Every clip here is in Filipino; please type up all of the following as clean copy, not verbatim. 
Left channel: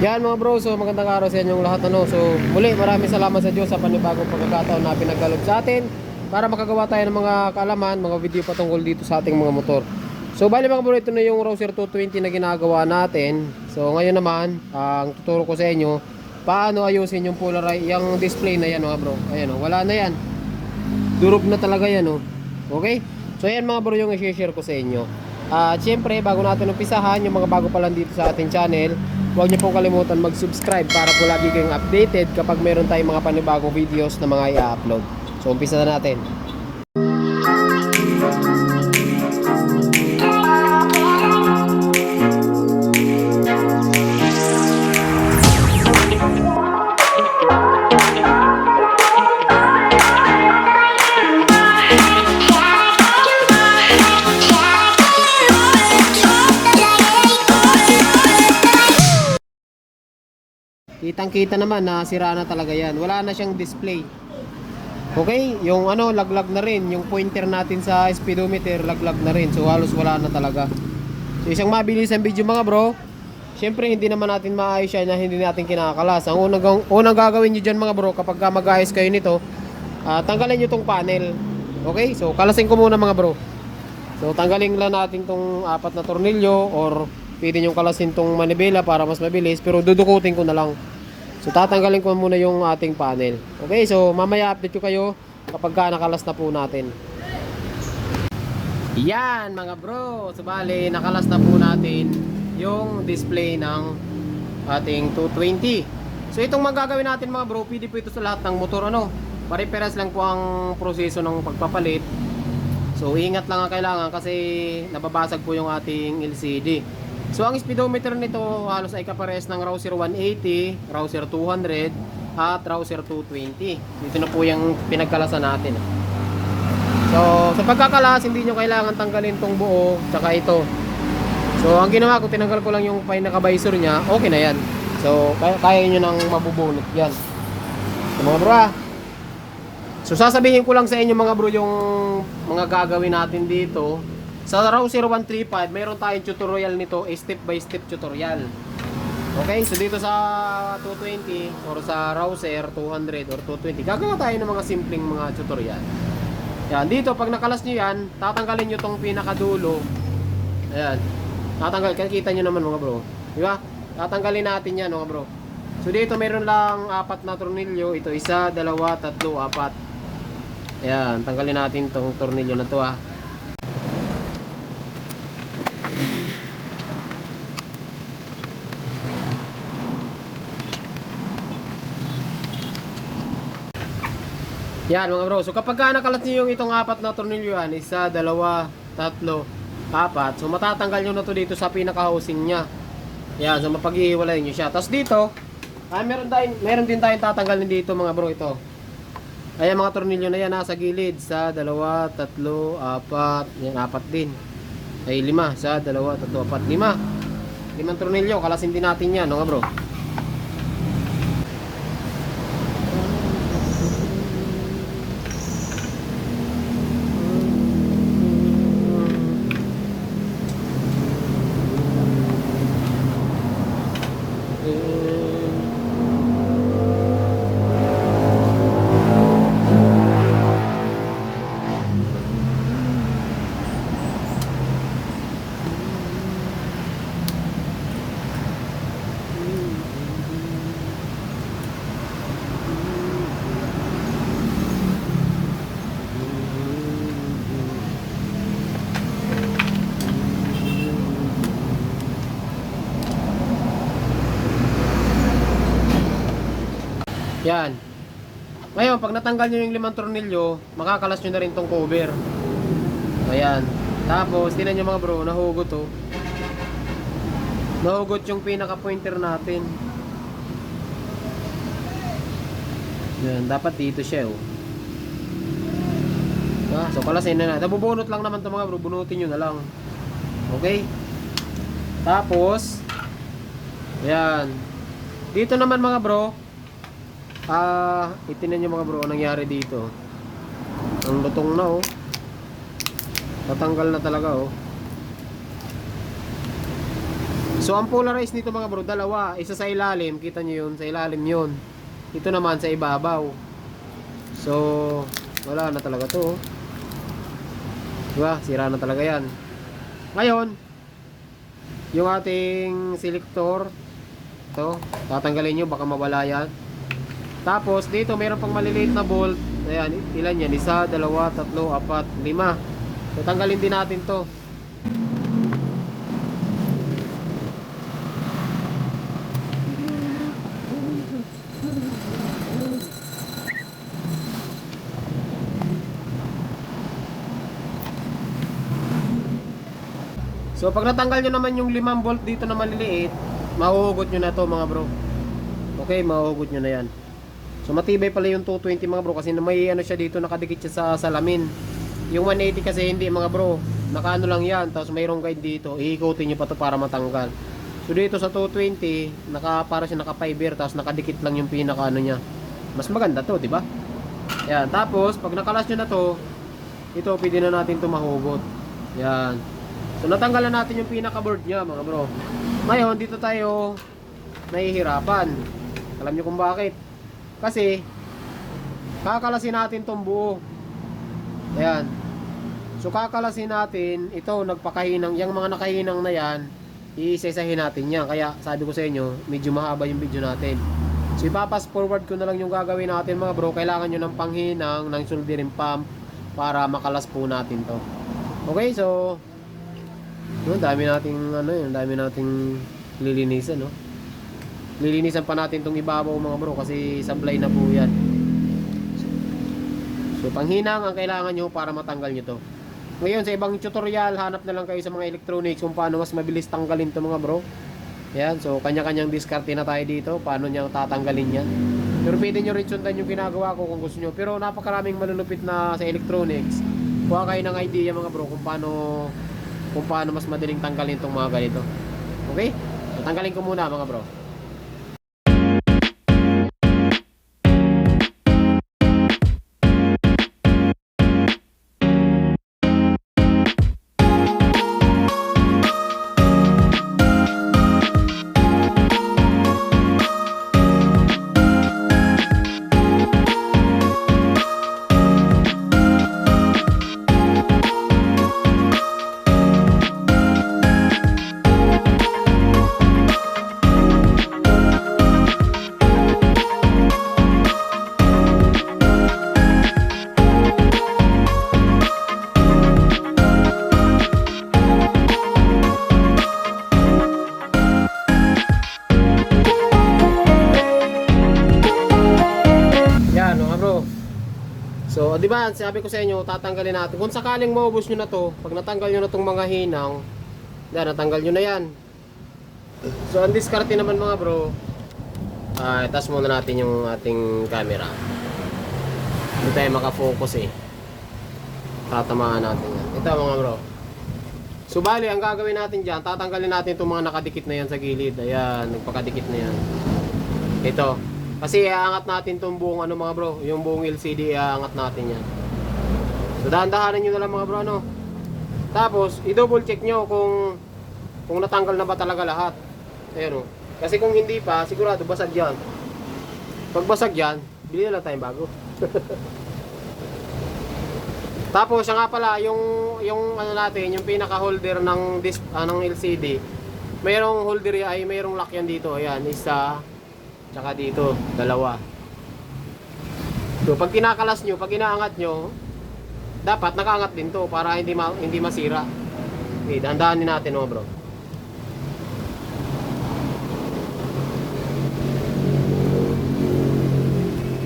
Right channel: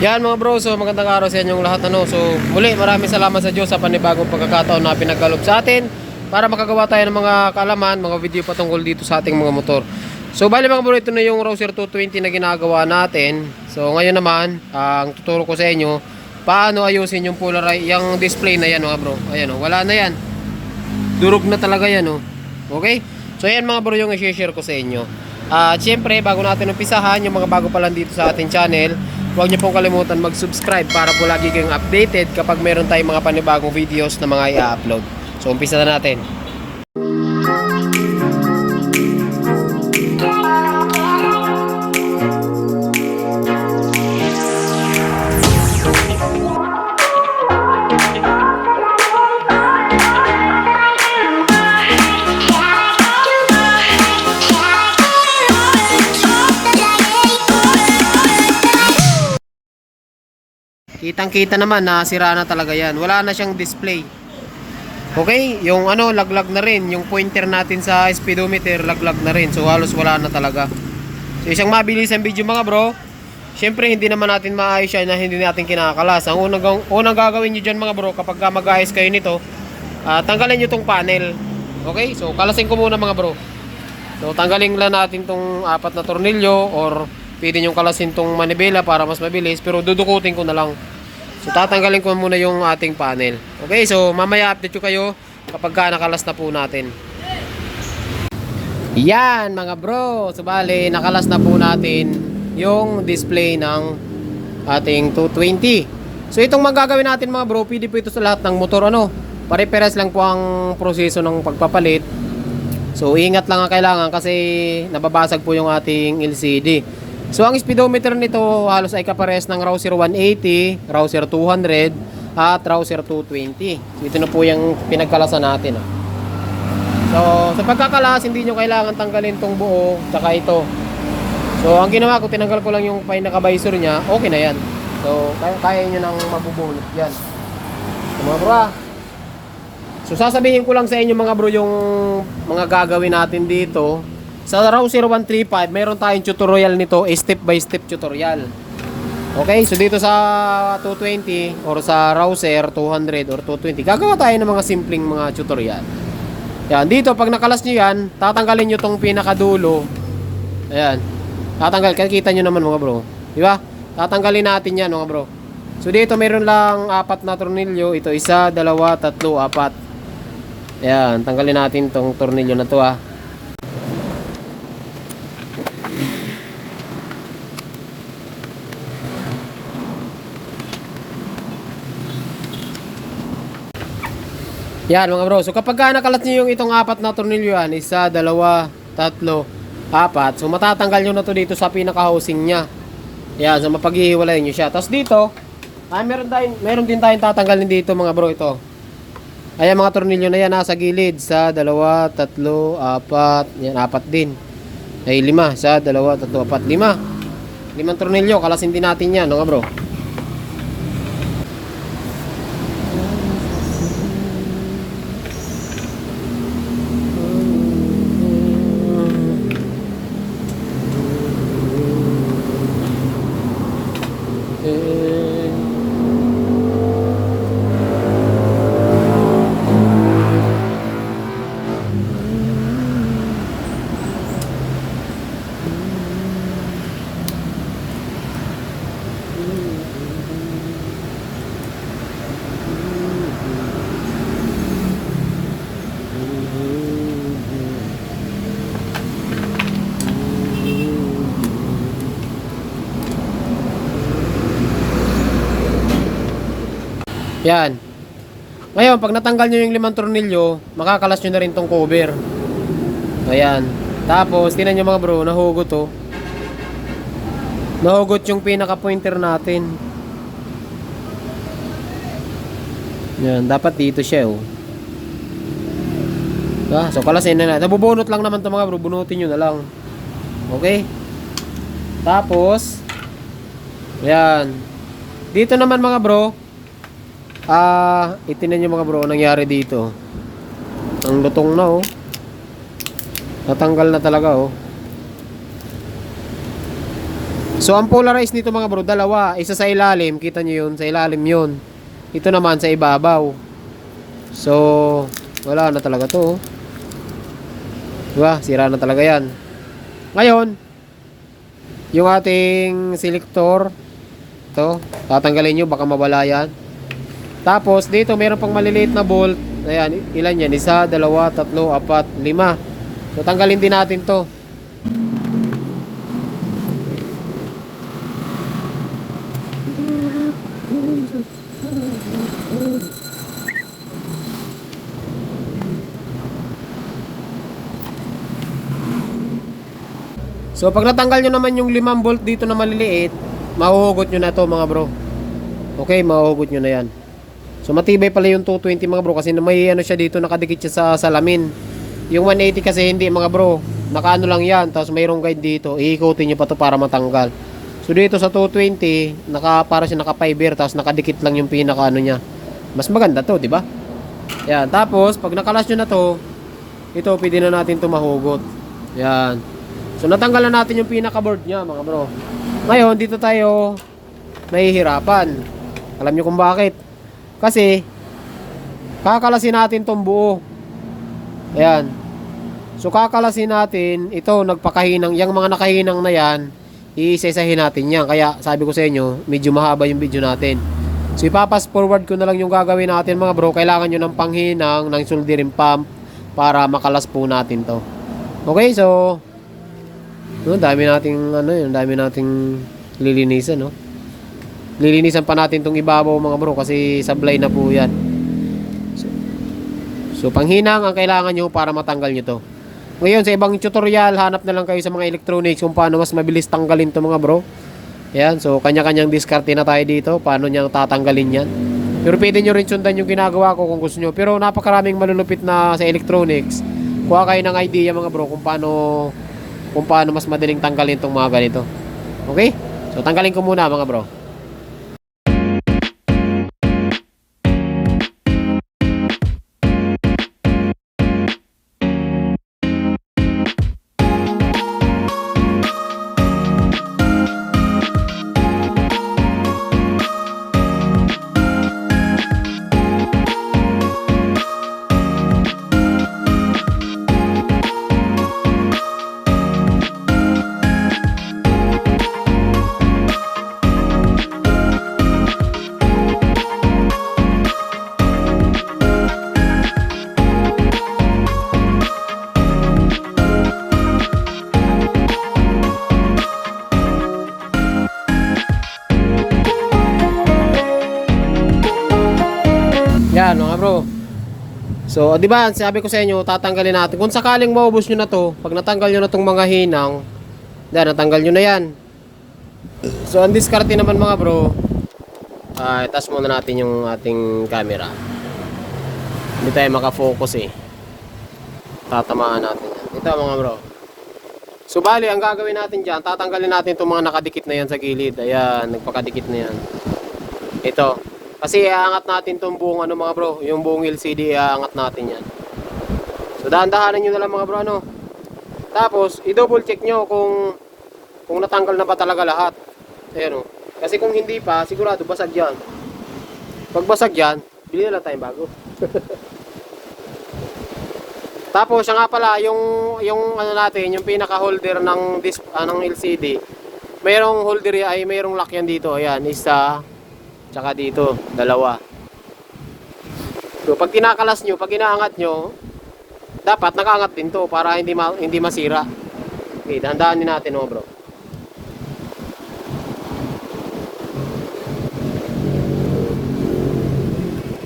Yan mga bro, so magandang araw sa inyong lahat ano. So muli maraming salamat sa Diyos sa panibagong pagkakataon na pinagkaloob sa atin para makagawa tayo ng mga kaalaman, mga video patungkol dito sa ating mga motor. So bali mga bro, ito na yung Rouser 220 na ginagawa natin. So ngayon naman, ang tuturo ko sa inyo paano ayusin yung polarize, yung display na yan mga bro. Ayan oh, wala na yan. Durog na talaga yan oh. Okay? So ayan mga bro yung i-share ko sa inyo. At syempre bago natin umpisahan, yung mga bago pa lang dito sa ating channel, huwag niyo pong kalimutan mag-subscribe para po lagi kayong updated kapag meron tayong mga panibagong videos na mga i-upload. So umpisa na natin. Kitang-kita naman na sira na talaga yan. Wala na siyang display. Okay, yung ano, laglag na rin. Yung pointer natin sa speedometer, laglag na rin. So halos wala na talaga. So isang mabilis ang video mga bro. Siyempre hindi naman natin maayos yan na hindi natin kinakalas. Ang unang gagawin nyo dyan mga bro, kapag mag-ayos kayo nito, tanggalin nyo tong panel. Okay, so kalasin ko muna mga bro. So tanggalin lang natin tong apat na tornilyo, or pwede nyo kalasin tong manibela para mas mabilis, pero dudukutin ko na lang. So tatanggalin ko muna yung ating panel. Okay, so mamaya update ko kayo kapag nakalas na po natin. Yan mga bro, so bali nakalas na po natin yung display ng ating 220. So itong magagawin natin mga bro, pwede po ito sa lahat ng motor ano. Pare-pares lang po ang proseso ng pagpapalit. So ingat lang ang kailangan kasi nababasag po yung ating LCD. So ang speedometer nito halos ay kapares ng Rouser 180, Rouser 200 at Rouser 220. So ito na po yung pinagkalasan natin. So sa pagkakalas hindi nyo kailangan tanggalin tong buo tsaka ito. So ang ginawa ko, tinanggal ko lang yung pinaka-visor nya, okay na yan. So kaya nyo nang mabubulot yan. So mga bro so sasabihin ko lang sa inyo mga bro yung mga gagawin natin dito. Sa Rouser 135, meron tayong tutorial nito, step by step tutorial. Okay, so dito sa 220 or sa Rouser 200 or 220, gagawa tayo ng mga simpleng mga tutorial. Yan, dito pag nakalas nyo yan, tatanggalin nyo tong pinakadulo. Ayan, tatanggal, kita nyo naman mga bro, di ba? Tatanggalin natin yan mga bro. So dito meron lang apat na tornilyo, ito isa, dalawa, tatlo, apat. Ayan, tanggalin natin tong tornilyo na to Yan mga bro, so kapag nakalat nyo yung itong apat na tornilyo yan, isa, dalawa, tatlo, apat, so matatanggal nyo na to dito sa pinaka-housing nya. Yan, so mapaghihiwalay nyo siya. Tapos dito, meron din tayong tatanggalin dito mga bro, ito. Ayan mga tornilyo na yan nasa gilid, sa dalawa, tatlo, apat, yan, apat din. Ay lima, sa dalawa, tatlo, apat, lima. Limang tornilyo, kalasin din natin yan mga bro. Yan. Ngayon, pag natanggal nyo yung limang tornilyo, makakalas nyo na rin tong cover. Ayan. Tapos, tinan nyo mga bro, nahugot to. Nahugot yung pinaka-pointer natin. Yan, dapat dito siya So, kalasin na natin. Nabubunot lang naman to mga bro, bunutin nyo na lang. Okay? Tapos, yan. Dito naman mga bro, itinan nyo mga bro, nangyari dito. Ang lutong na Natanggal na talaga So ang polarized nito mga bro, dalawa. Isa sa ilalim, kita nyo yun, sa ilalim yun. Ito naman sa ibabaw. So wala na talaga to. Diba? Sira na talaga yan. Ngayon, yung ating selector, to, tatanggalin nyo, baka mawala yan. Tapos dito mayroon pang maliliit na bolt. Ayan, ilan yan? Isa, dalawa, tatlo, apat, lima. So tanggalin din natin to. So pag natanggal nyo naman yung 5 bolt dito na maliliit, mahuhugot nyo na to mga bro. Okay, mahuhugot nyo na yan. So matibay pala yung 220 mga bro, kasi may ano siya dito, nakadikit siya sa salamin. Yung 180 kasi hindi mga bro, nakaano lang yan, tapos mayroong guide dito, iikutin nyo pa to para matanggal. So dito sa 220, para siya naka fiber, tapos nakadikit lang yung pinaka ano niya. Mas maganda to, di ba? Yan, tapos pag nakalas nyo na to, ito pwede na natin to mahugot. Yan. So natanggal na natin yung pinaka board niya mga bro. Ngayon dito tayo nahihirapan. Alam niyo kung bakit? Kasi kakalasin natin tong buo. Ayan. So kakalasin natin, ito nagpakahinang, yung mga nakahinang na yan, iisa-isahin natin yan. Kaya sabi ko sa inyo, medyo mahaba yung video natin. So ipapas forward ko na lang yung gagawin natin mga bro. Kailangan nyo ng panghinang, ng soldering pump para makalas po natin to. Okay, so dami nating ano yun, dami nating lilinisan, no? Lilinisan pa natin tong ibabaw mga bro kasi sablay na po yan. So panghinang ang kailangan nyo para matanggal nyo to. Ngayon sa ibang tutorial, hanap na lang kayo sa mga electronics kung paano mas mabilis tanggalin to mga bro. Yan, so kanya-kanyang diskarte na tayo dito, paano niyang tatanggalin yan. Pero pwede nyo rin sundan yung ginagawa ko kung gusto nyo. Pero napakaraming malulupit na sa electronics. Kuha kayo ng idea mga bro kung paano mas madaling tanggalin tong mga ganito. Okay? So tanggalin ko muna mga bro. So, di ba, sabi ko sa inyo, tatanggalin natin. Kung sakaling maubos nyo na to, pag natanggal nyo na tong mga hinang, natanggal nyo na yan. So, ang diskarte naman mga bro, itas muna natin yung ating camera. Hindi tayo makafocus eh. Tatamaan natin yan. Ito mga bro. So, bali, ang gagawin natin dyan, tatanggalin natin itong mga nakadikit na yan sa gilid. Ayan, nagpakadikit na yan. Ito. Kasi iaangat natin itong buong ano mga bro, yung buong LCD iaangat natin yan. So dahan-dahanan nyo na lang mga bro ano. Tapos i-double check nyo kung natanggal na ba talaga lahat. Ayan o. Kasi kung hindi pa, sigurado basag yan. Pag basag yan, bili na lang tayong bago. Tapos siya nga pala, yung ano natin, yung pinaka holder ng LCD, mayroong holder ay mayroong lock yan dito. Ayan, isa, tsaka dito, dalawa. So pag kinakalas nyo, pag inaangat nyo, dapat nakaangat din to para hindi masira. Okay, dahan-dahanin natin mga bro.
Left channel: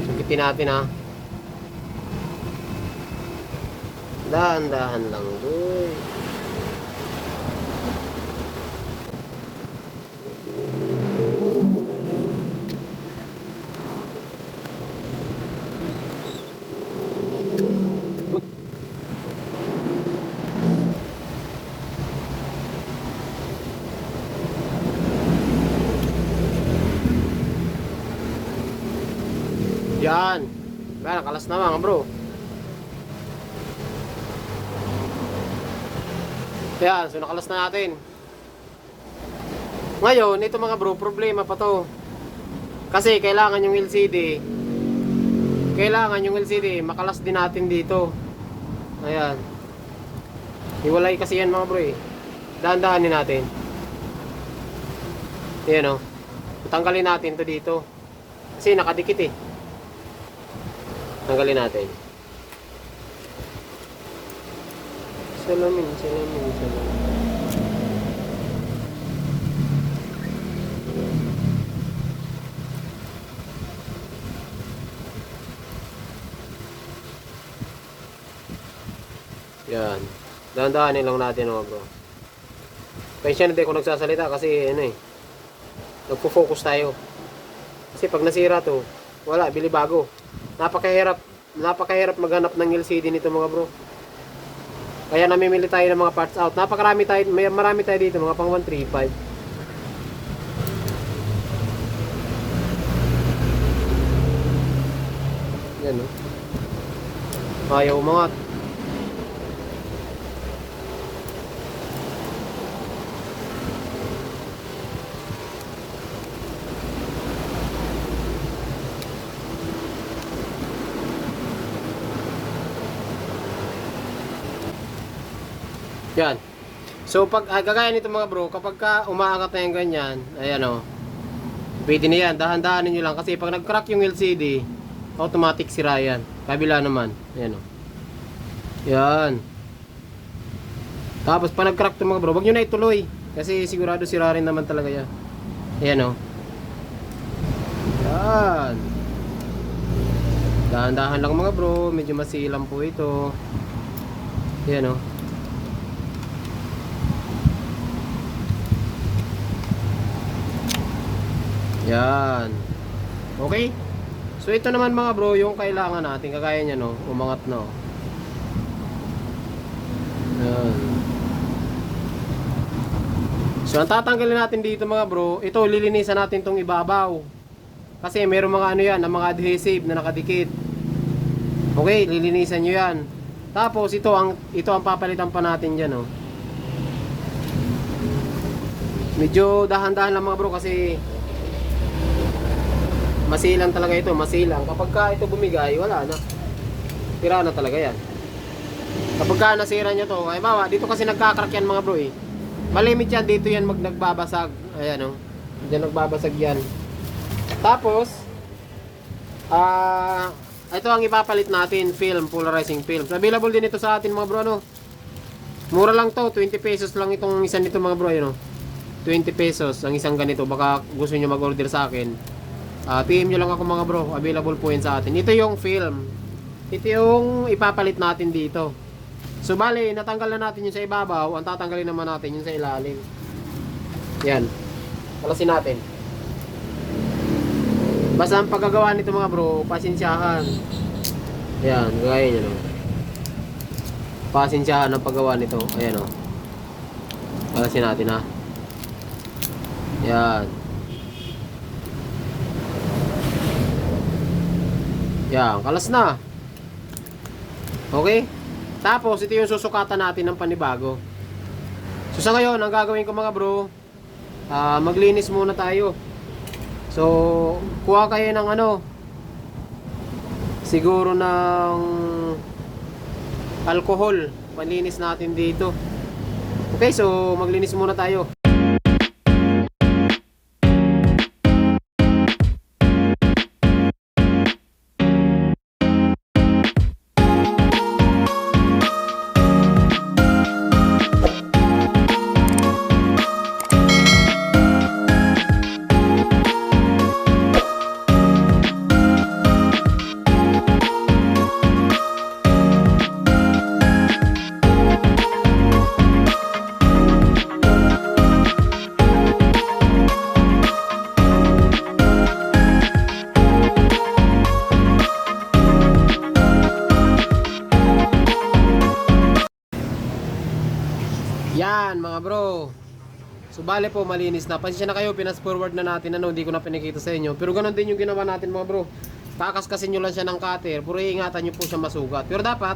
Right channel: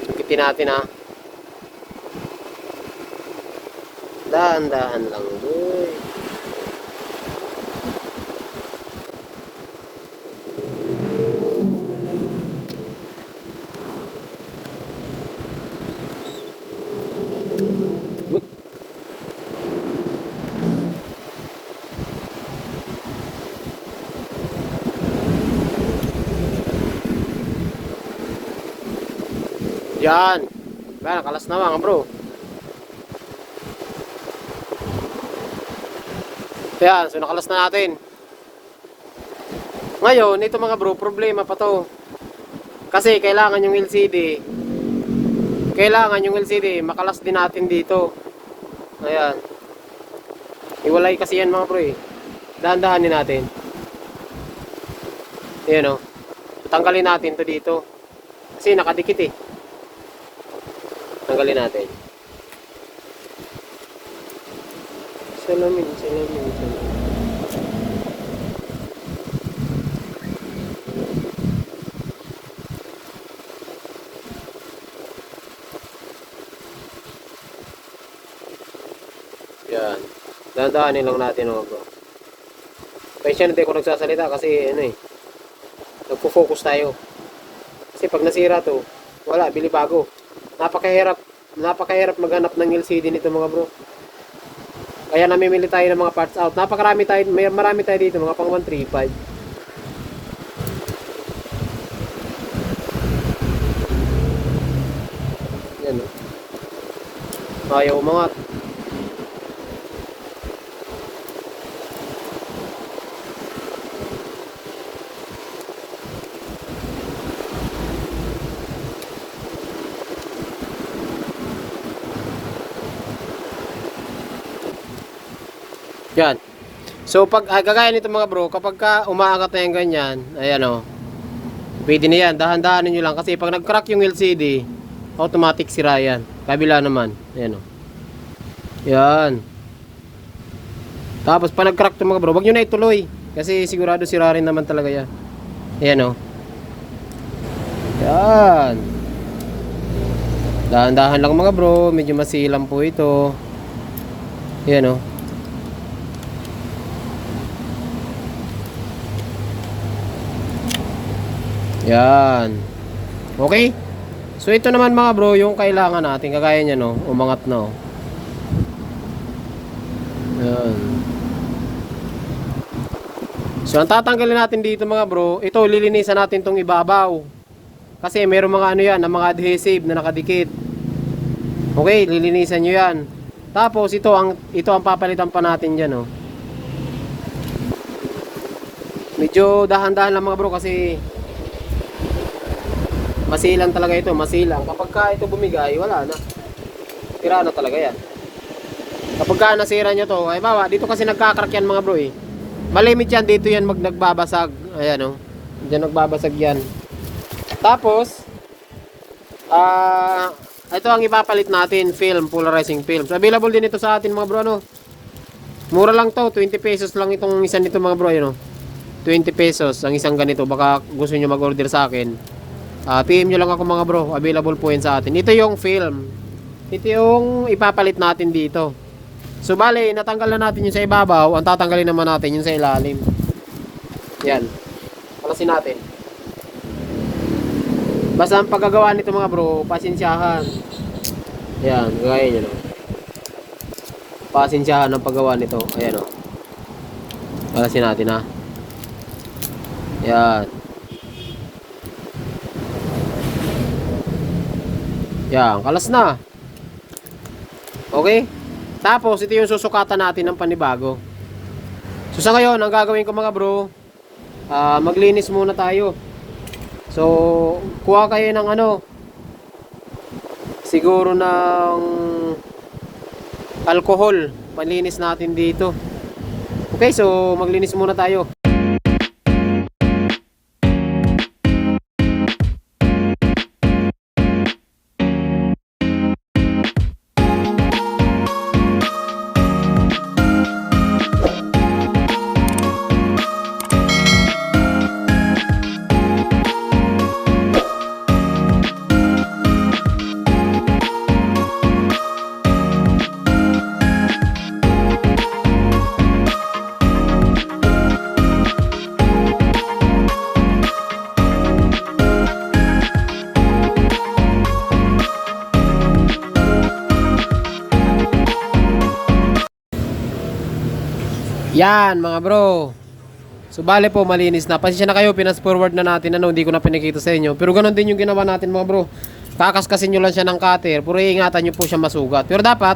Sukitin natin ha. Dahan-dahan lang doon. Yan. Ba, nakalas na mga bro. Yan, so nakalas na natin. Ngayon, ito mga bro, problema pa to. Kasi kailangan yung LCD, makalas din natin dito. Ayan. Iwalay kasi yan mga bro eh. Dahan-dahanin natin. Ayan o. Tanggalin natin to dito. Kasi nakadikit eh. Tanggalin natin. Salamin. Yan. Dahan-dahanin lang natin mga bro. Kaya hindi ako nagsasalita kasi ano eh. Nagpo-focus tayo. Kasi pag nasira to, wala, bili bago. Napakahirap maghanap ng LCD nito mga bro. Kaya namimili tayo ng mga parts out. Marami tayo dito, mga pang 135. Yan eh. Ayaw umangat. Yan. So pag gagaya nito mga bro, kapag ka umaangat na yung ganyan, ayan o. Pwede na yan, dahan-dahanin nyo lang kasi pag nag-crack yung LCD, automatic sira yan. Kabila naman, ayan o. Yan. Tapos pa nag-crack to mga bro, wag nyo na ituloy kasi sigurado sira rin naman talaga yan. Ayan o. Yan. Dahan-dahan lang mga bro, medyo masilam po ito. Ayan o. Yan. Okay? So ito naman mga bro, yung kailangan natin, kagaya niya no, umangat no. Yan. So ang tatanggalin natin dito mga bro, ito lilinisan natin tong ibabaw. Kasi meron mga ano yan, na mga adhesive na nakadikit. Okay, lilinisan nyo yan. Tapos ito ang papalitan pa natin diyan no. Medyo dahan-dahan lang mga bro kasi masilang talaga ito, masilang. Kapag ka ito bumigay, wala na. Tira na talaga yan. Kapag ka nasira niya to, ay bawa, dito kasi nagkakrak yan mga bro eh. Malimit yan, dito yan nagbabasag. Ayan o. Diyan nagbabasag yan. Tapos, ito ang ipapalit natin, film, polarizing film. So, available din ito sa atin mga bro, ano. Mura lang to, 20 pesos lang itong isang nito mga bro, ano. 20 pesos ang isang ganito. Baka gusto nyo mag-order sa akin. PM nyo lang ako mga bro, available po yan sa atin. Ito yung film. Ito yung ipapalit natin dito. So bale, natanggal na natin yung sa ibabaw. Ang tatanggalin naman natin yung sa ilalim. Yan. Palasin natin. Basta ang paggagawa nito mga bro, pasensyahan. Yan, gaya nyo lang. Pasensyahan ang paggawa nito. Ayan o. Palasin natin ha. Yan. Yan, kalas na. Okay? Tapos, ito yung susukatan natin ng panibago. So, sa ngayon, ang gagawin ko mga bro, maglinis muna tayo. So, kuha kayo ng ano, siguro ng alcohol. Malinis natin dito. Okay, so, maglinis muna tayo. Yan mga bro. So bale po malinis na. Pasensya na kayo, pinas forward na natin, ano, hindi ko na pinakita sa inyo. Pero ganoon din yung ginawa natin mga bro. Kakaskasin nyo lang siya ng cutter, pero iingatan nyo po siya masugat. Pero dapat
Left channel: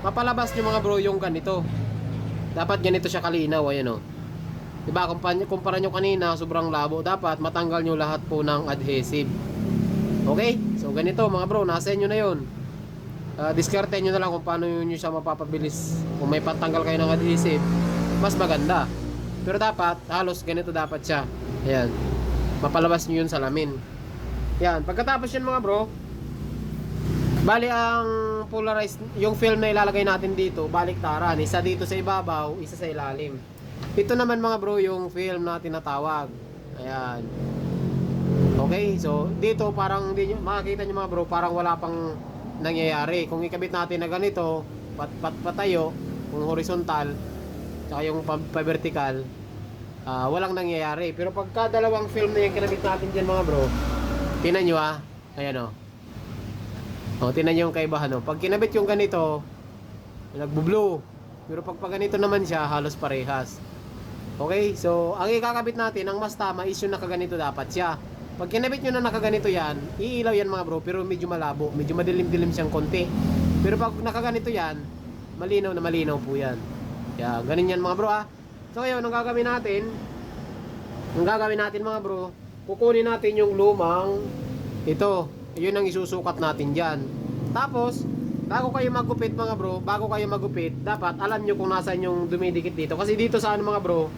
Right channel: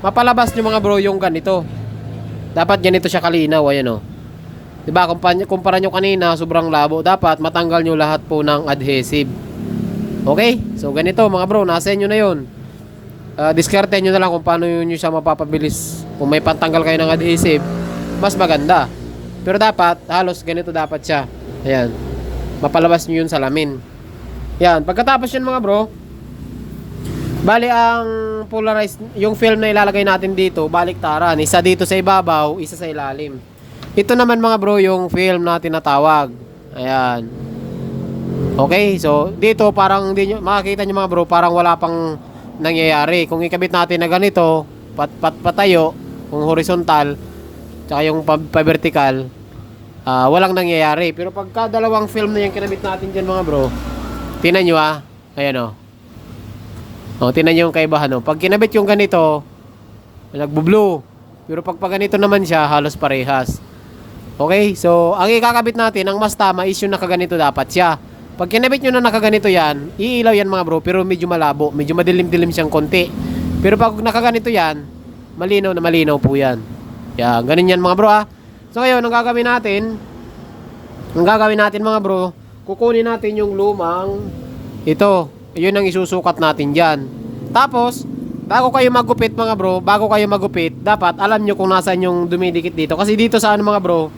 mapalabas nyo mga bro yung ganito. Dapat ganito siya kalinaw, ayan o. Diba, kumpara nyo kanina, sobrang labo. Dapat matanggal nyo lahat po ng adhesive. Okay? So, ganito mga bro, nasa inyo na yun. Diskarte nyo na lang kung paano nyo siya mapapabilis. Kung may pantanggal kayo ng adhesive, mas maganda. Pero dapat, halos ganito dapat siya. Ayan. Mapalabas nyo yun sa lamin. Yan. Pagkatapos yun mga bro, bali ang polarized, yung film na ilalagay natin dito, baliktaran. Isa dito sa ibabaw, isa sa ilalim. Ito naman mga bro, yung film na tinatawag. Ayan. Okay, so dito parang hindi nyo, makikita nyo mga bro, parang wala pang nangyayari. Kung ikabit natin na ganito, patayo, kung horizontal, tsaka yung pa-vertical, walang nangyayari. Pero pagka dalawang film na yung kinabit natin dyan mga bro, tinan nyo ayan tinan nyo yung kaibahan pag kinabit yung ganito, nagbo-blue. Pero pag ganito naman siya, halos parehas. Okay, so ang ikakabit natin, ang mas tama is yung nakaganito dapat siya. Pag kinabit nyo na nakaganito yan, iilaw yan mga bro, pero medyo malabo, medyo madilim-dilim siyang konti. Pero pag nakaganito yan, malinaw na malinaw po yan. Yan, ganun yan mga bro So ngayon, ang gagawin natin mga bro, kukunin natin yung lumang ito. Yun ang isusukat natin dyan. Tapos, bago kayo magupit mga bro, dapat alam nyo kung nasaan yung dumidikit dito. Kasi dito sa mga bro,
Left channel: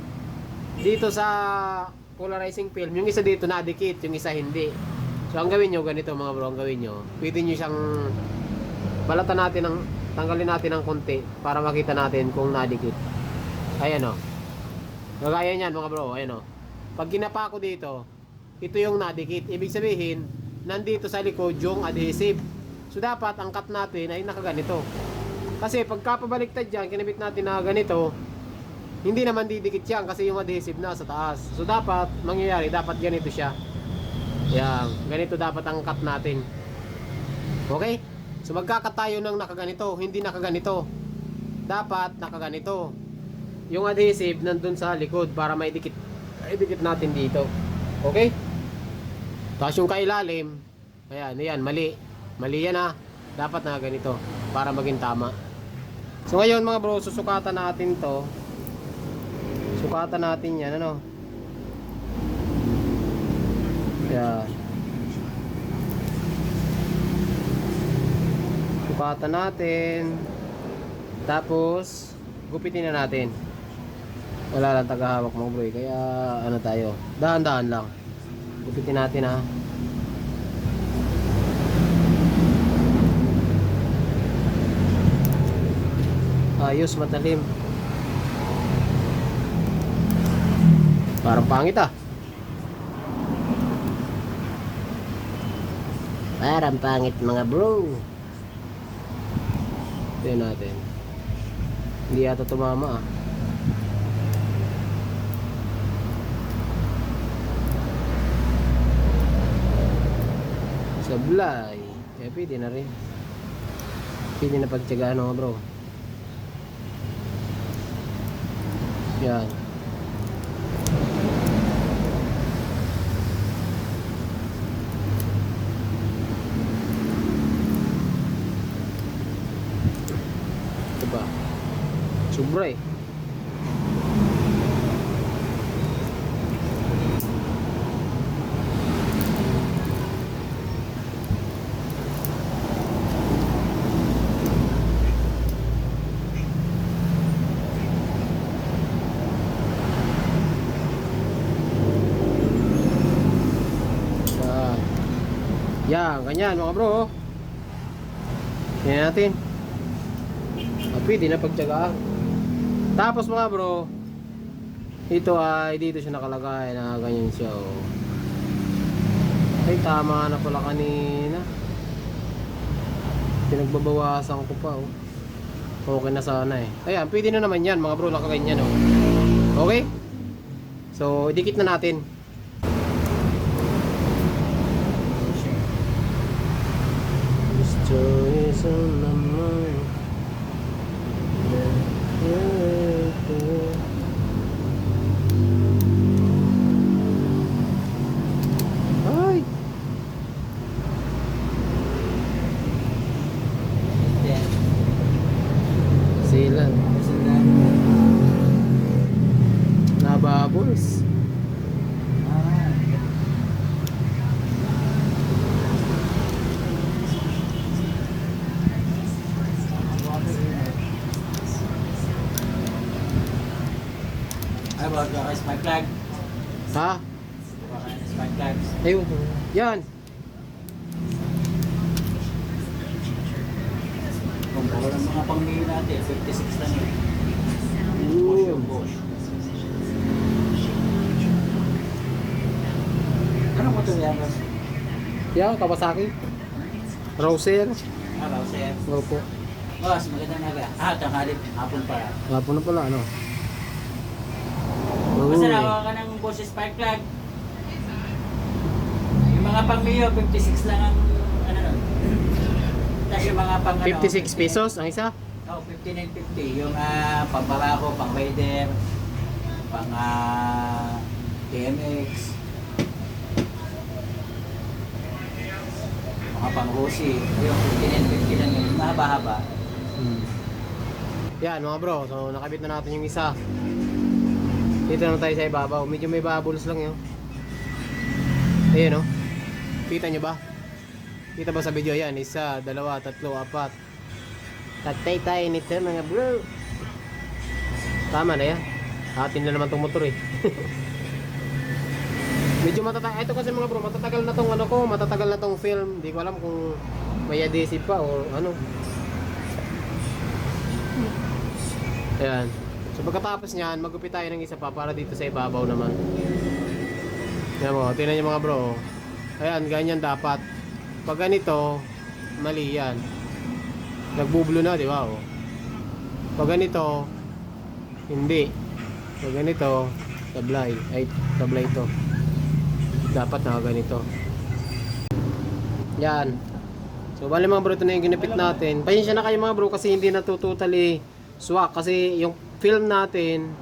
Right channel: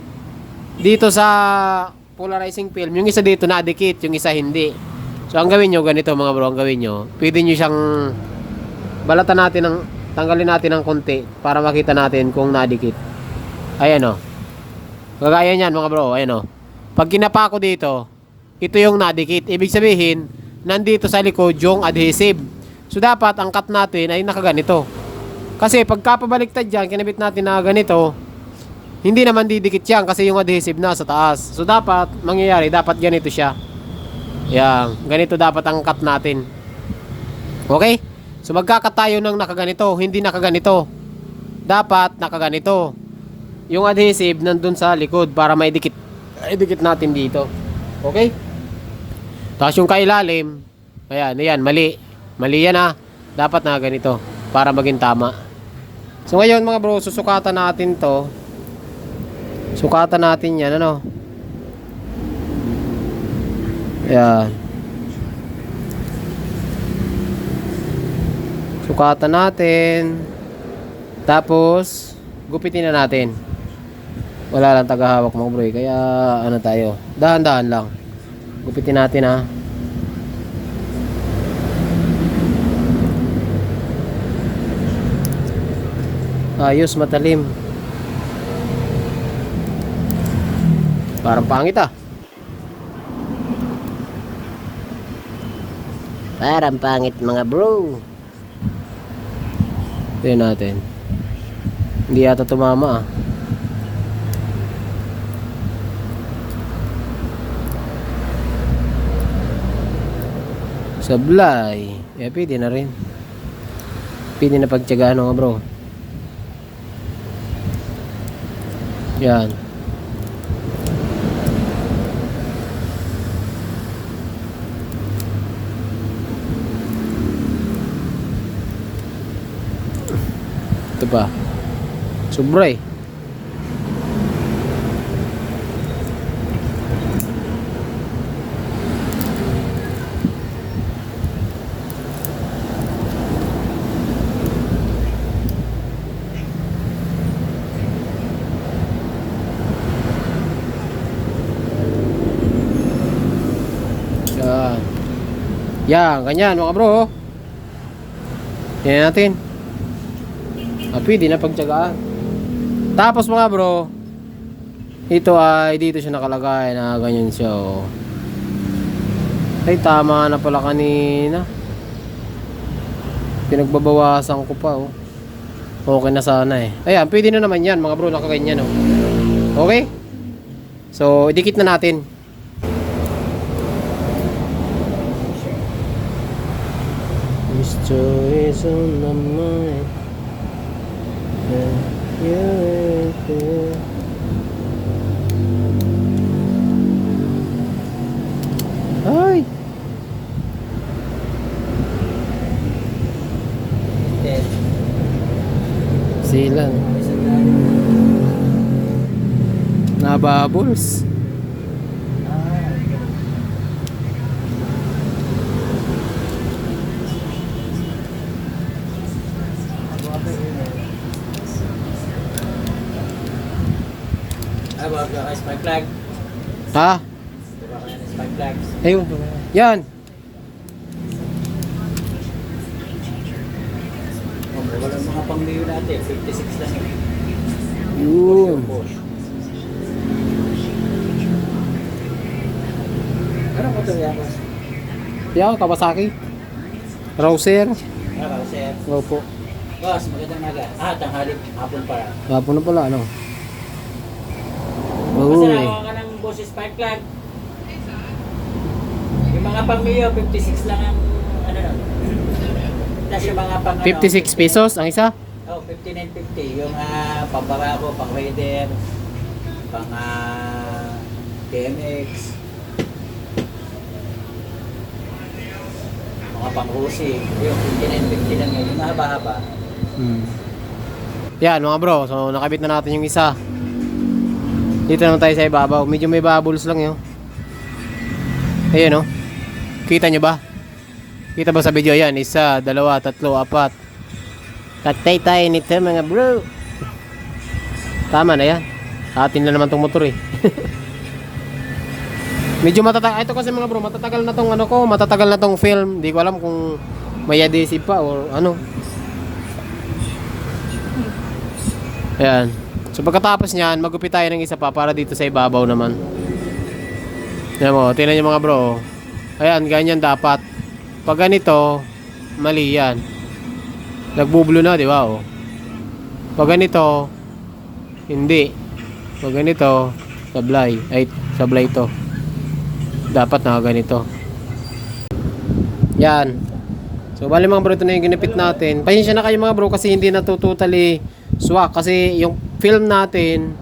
dito sa polarizing film, yung isa dito nadikit, yung isa hindi. So ang gawin nyo, ganito mga bro, ang gawin nyo, pwede nyo siyang balatan natin, tanggalin natin ng konti para makita natin kung nadikit. Ayan gagaya nyan mga bro, ayan pag kinapa ko dito, ito yung nadikit. Ibig sabihin, nandito sa likod yung adhesive. So dapat ang cut natin ay nakaganito. Kasi pagka pabaliktad dyan, kinabit natin na ganito, hindi naman didikit yan kasi yung adhesive nasa taas. So dapat mangyayari, dapat ganito siya. Yan, ganito dapat ang cut natin. Okay? So magkakat tayo ng nakaganito, hindi nakaganito. Dapat nakaganito. Yung adhesive nandun sa likod para maidikit natin dito. Okay? Tapos yung kailalim, ayan, mali. Mali yan dapat na ganito para maging tama. So ngayon mga bro, susukatan natin to. Sukatan natin yan, Ayan. Sukatan natin. Tapos, gupitin na natin. Wala lang tagahawak mga bro, kaya tayo. Dahan-dahan lang. Gupitin natin ayos, matalim. Parang pangit Parang pangit mga bro. Tignan natin. Hindi yata tumama Sablay. Pwede na rin. Pwede na pagtyagaan mga bro. Yan. Ito pa. Sobra Yan, ganyan mga bro. Yan natin. Pwede na pagtyagaan. Tapos mga bro, ito ay dito siya nakalagay na ganyan siya Ay tama na pala kanina. Pinagbabawasan ko pa Okay na sana Ayan, pwede na naman yan mga bro, nakaganyan Okay? So, idikit na natin. Is on my mind. Ay. Silang. Nababo. bubbles. About the spike flag. Ha? Spike flags. Ayun. Yan. Walang mga pang-mayo natin, 56 lang yun. Yun. Bosch. Anong motor yan, boss? Yan, Kawasaki. Rouser. Sir. Opo. Boss, magandang naga. Tanghali, hapon para. Hapon na pala, ano? Basta Uy. nakuha ka ng boss spike flag. Yung mga pang-mayo, 56 lang ang ano nun. Tapos yung mga pang 56 pesos ang isa? Oh, 59.50. Yung pang-barako, pang-raider, pang-TMX, mga pang-Rusi. Yung 59.50 lang yun. Mahaba-haba. Yan mga bro, so nakabit na natin yung isa. Dito naman tayo sa ibabaw. Medyo may bubbles lang yun. Ayan o. Kita nyo ba? Kita ba sa video yan? Isa, dalawa, tatlo, apat. Tatay tayo nito mga bro. Tama na yan. Atin na naman tong motor eh. Medyo matatagal. Ito kasi mga bro, matatagal na tong ano ko. Matatagal na tong film. Hindi ko alam kung may adhesive pa or ano. Ayan. So pagkatapos niyan, magupit tayo ng isa pa para dito sa ibabaw naman. Ayan mo, tingnan nyo mga bro. Ayan, ganyan dapat. Pag ganito, mali yan. Nagbubulo na, di ba? Oh. Pag ganito, hindi. Pag ganito, sablay. Ay, sablay ito. Dapat na ganito. Yan. So, bali mga bro, ito na yung ginapit natin. Pasensya na kayo mga bro kasi hindi na totally swak. Kasi yung film natin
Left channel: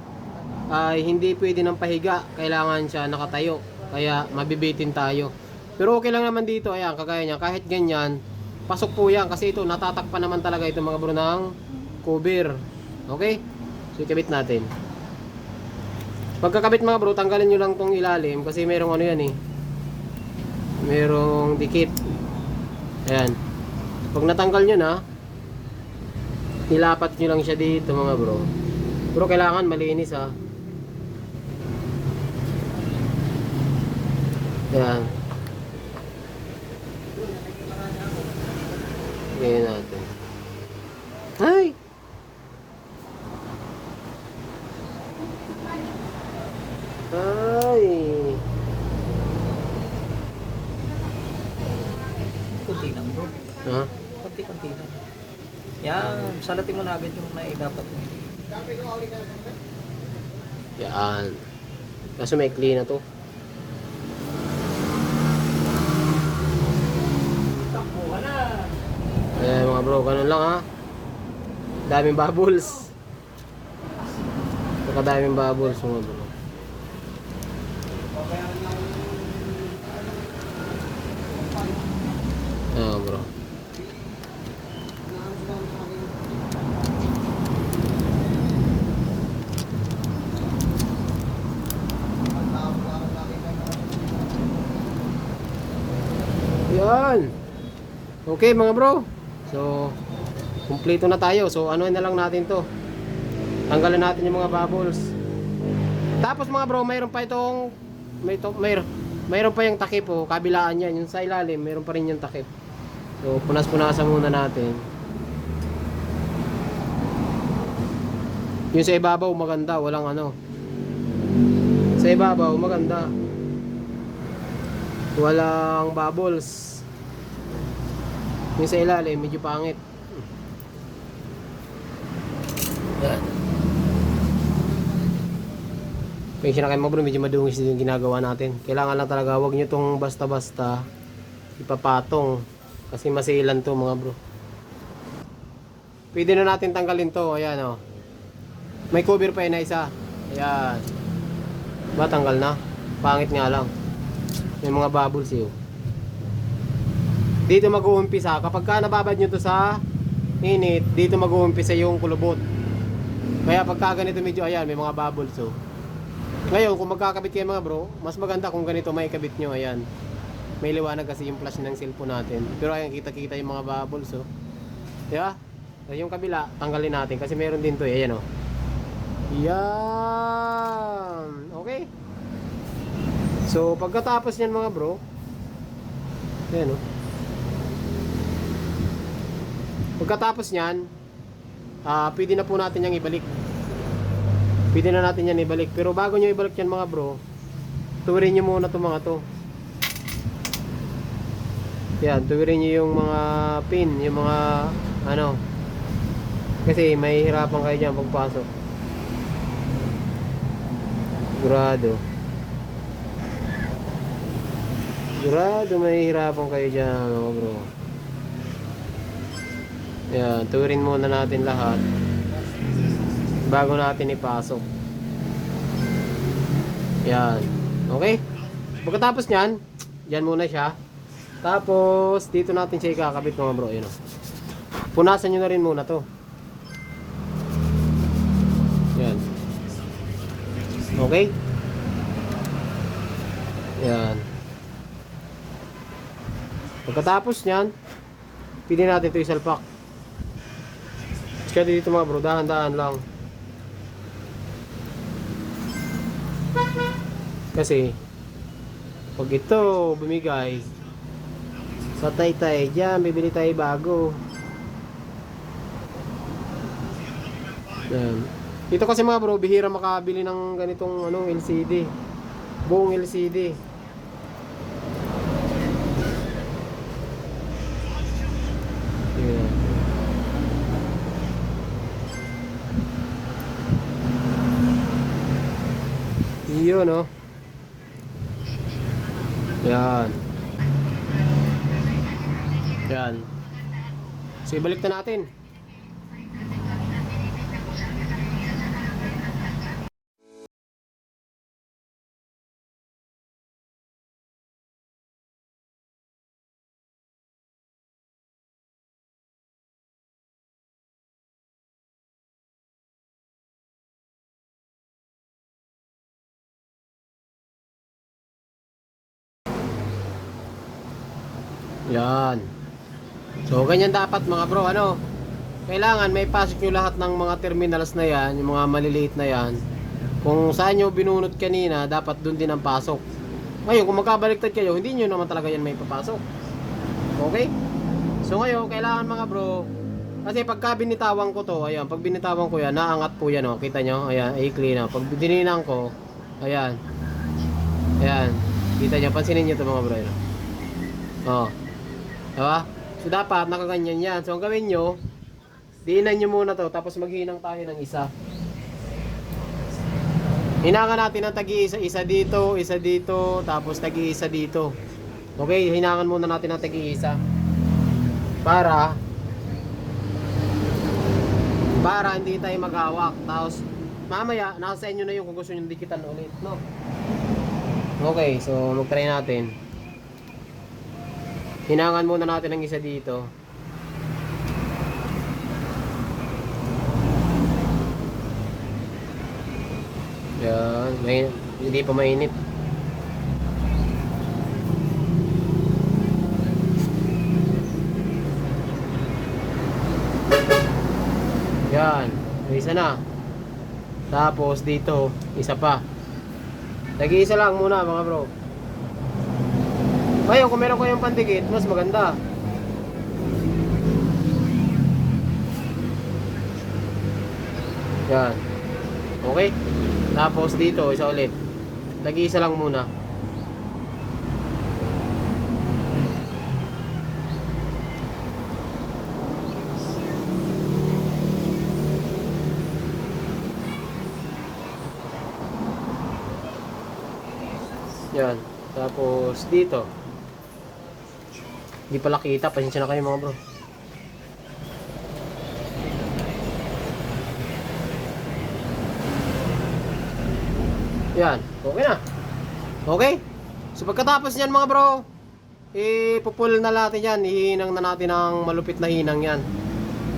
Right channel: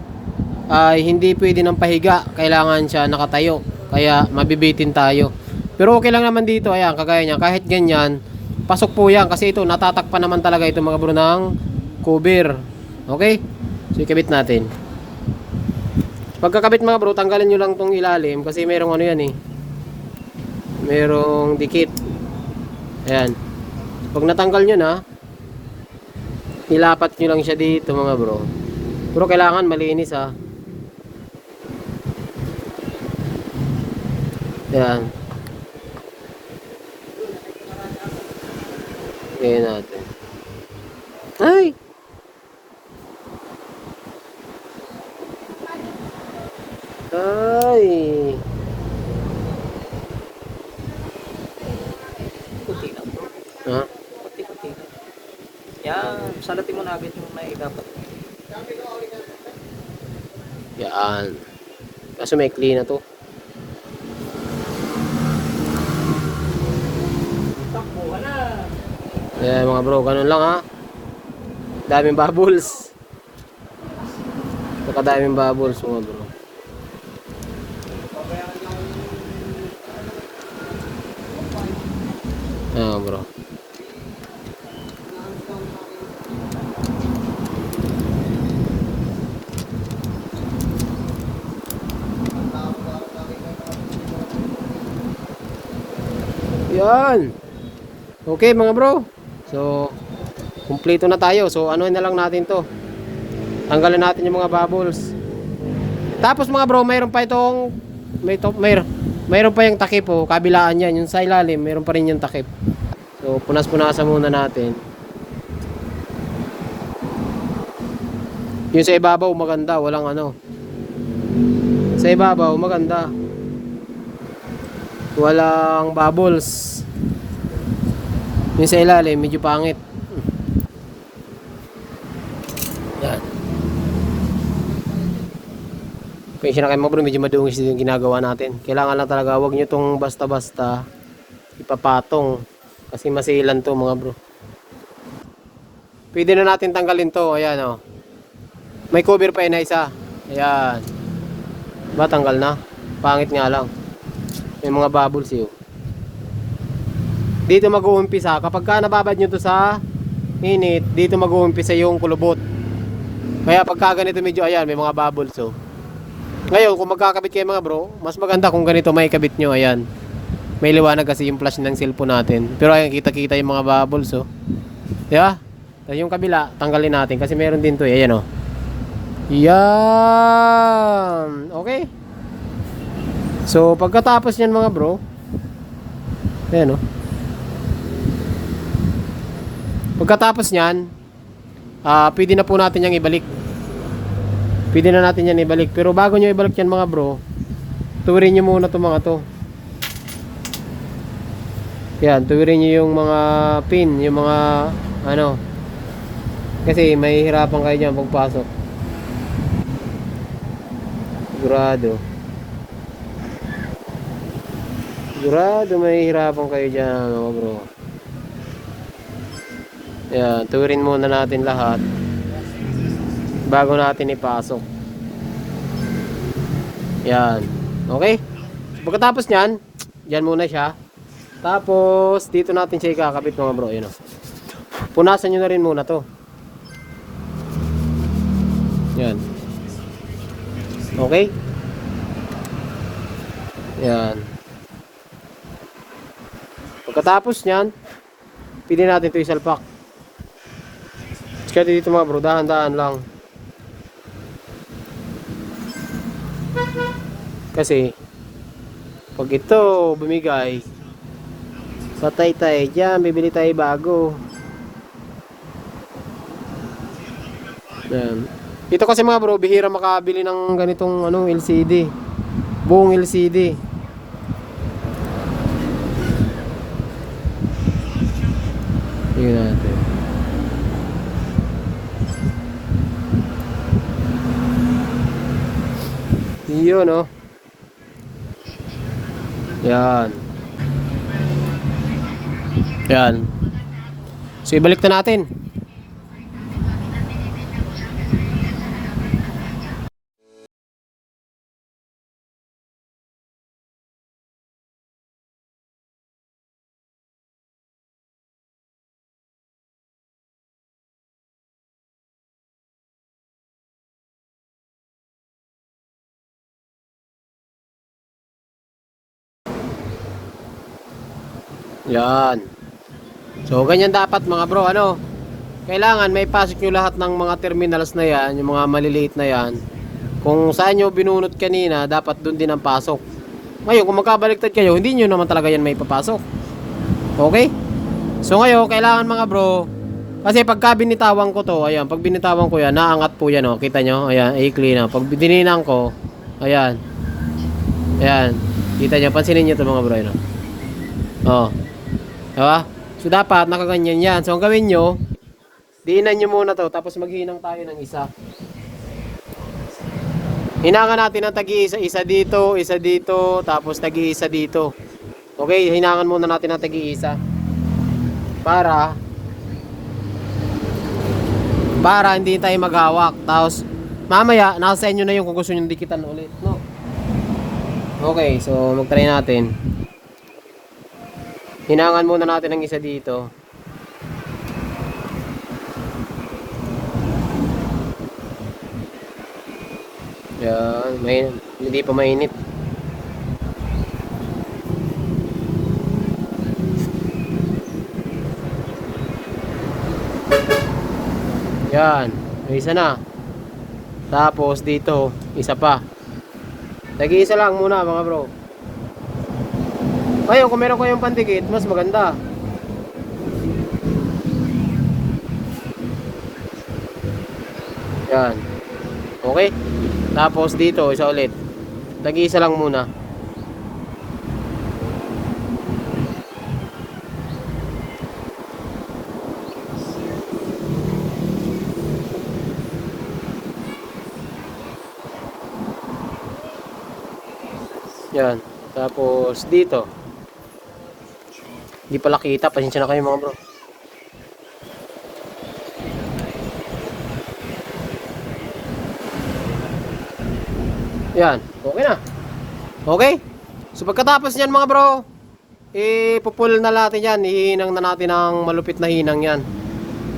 ay hindi pwede ng pahiga. Kailangan siya nakatayo. Kaya mabibitin tayo. Pero okay lang naman dito. Ayan, kagaya niya. Kahit ganyan, pasok po yan. Kasi ito, natatakpan naman talaga ito mga bro ng cover. Okay? So, ikabit natin. Pagkakabit mga bro, tanggalin nyo lang tong ilalim. Kasi merong ano yan eh. Merong dikit. Ayan. Pag natanggal nyo na, ilapat nyo lang siya dito mga bro. Pero kailangan malinis ha. Ayan. Ngayon natin. Ay! Ay! Kunti lang bro. Ha? Kunti-kunti lang. Yan, salatin mo na agad yung may dapat. Yan. Kaso may clean na to. Takbo ka na. Ayan mga bro, ganun lang ha. Daming bubbles. Daming bubbles mga bro. Ayan bro. Yan. Okay mga bro. So, kumpleto na tayo. So, ano na lang natin to. Tanggalin natin yung mga bubbles. Tapos mga bro, mayroon pa itong mayroon pa yung takip oh, kabilaan yan. Yung sa ilalim, mayroon pa rin yung takip. So, punas-punasan muna natin. Yung sa ibabaw, maganda. Walang ano. Sa ibabaw, maganda. Walang bubbles. Yung sa ilalim, medyo pangit. Yan. Kaya na kayo mga bro, medyo madungis yung ginagawa natin. Kailangan lang talaga, huwag nyo itong basta-basta ipapatong. Kasi masilan to mga bro. Pwede na natin tanggalin to. Ayan o. May cover pa yun na isa. Ayan. Ba, tanggal na? Pangit nga lang. May mga bubbles yun. Dito mag-uumpisa. Kapag ka nababad nyo to sa init, dito mag-uumpisa yung kulubot. Kaya pagka ganito medyo ayan, may mga bubbles oh. Ngayon, kung magkakabit kayo mga bro, mas maganda kung ganito may kabit nyo. Ayan. May liwanag kasi yung flash ng cellphone natin. Pero ayan, kita-kita yung mga bubbles, oh. Diba? Tapos yung kabila, tanggalin natin kasi meron din to, eh. Ayan, oh. Yan. Okay. So, pagkatapos niyan mga bro, ayan, oh. Pagkatapos niyan, pwede na po natin yung ibalik. Pwede na natin yan ibalik. Pero bago nyo ibalik yan mga bro, tuwirin nyo muna itong mga to. Yan, tuwirin nyo yung mga pin, yung mga ano. Kasi may hirapan kayo dyan pagpasok. Sigurado. Sigurado may hirapan kayo dyan mga bro. Yan, tuwirin muna natin lahat bago natin ipasok. Yan. Okay? Pagkatapos nyan, dyan muna siya. Tapos, dito natin siya ikakabit mga bro. Yun, oh. Punasan nyo na rin muna to. Yan. Okay? Yan. Pagkatapos nyan, pili natin ito isalpak. Kaya dito mga bro, dahan-dahan lang. Kasi pag ito bumigay, patay tayo dyan, bibili tayo bago. Yan. Ito kasi mga bro, bihira makabili ng ganitong ano, LCD. Buong LCD. Tingnan natin. Yun, no? Yan. Yan. So, ibalik na natin. Yan. So, ganyan dapat mga bro, ano? Kailangan may pasok nyo lahat ng mga terminals na yan, yung mga maliliit na yan. Kung saan nyo binunot kanina, dapat dun din ang pasok. Ngayon, kung magkabaliktad kayo, hindi nyo naman talaga yan may papasok. Okay? So, ngayon, kailangan mga bro, kasi pagka binitawan ko to, ayan, pag binitawan ko yan, naangat po yan, oh. Kita nyo? Ayan, i-clean na. Pag dininang ko, ayan. Ayan. Kita nyo, pansinin nyo to mga bro, yun, oh. Diba? So dapat nakaganyan yan. So ang gawin nyo, diinan nyo muna to, tapos maghinang tayo ng isa. Hinangan natin ng tagi-isa, isa dito, tapos tagi-isa dito. Okay, hinangan muna natin ng tagi-isa. Para hindi tayo maghawak. Tapos mamaya, nasa inyo na yung kung gusto nyo dikitan ulit, no? Okay, so mag-try natin. Hinangan muna natin ng isa dito. Yan, hindi pa mainit. Yan, may isa na. Tapos dito, isa pa. Nag-iisa lang muna mga bro. Ngayon, kung meron kayong pandikit, mas maganda. Yan. Okay? Tapos dito, isa ulit. Nag-iisa lang muna. Yan. Tapos dito. Hindi pala kita, pasensya na kayo mga bro. Yan, okay na. Okay? So pagkatapos niyan mga bro, ipupul na natin yan, ihinang na natin ang malupit na hinang yan.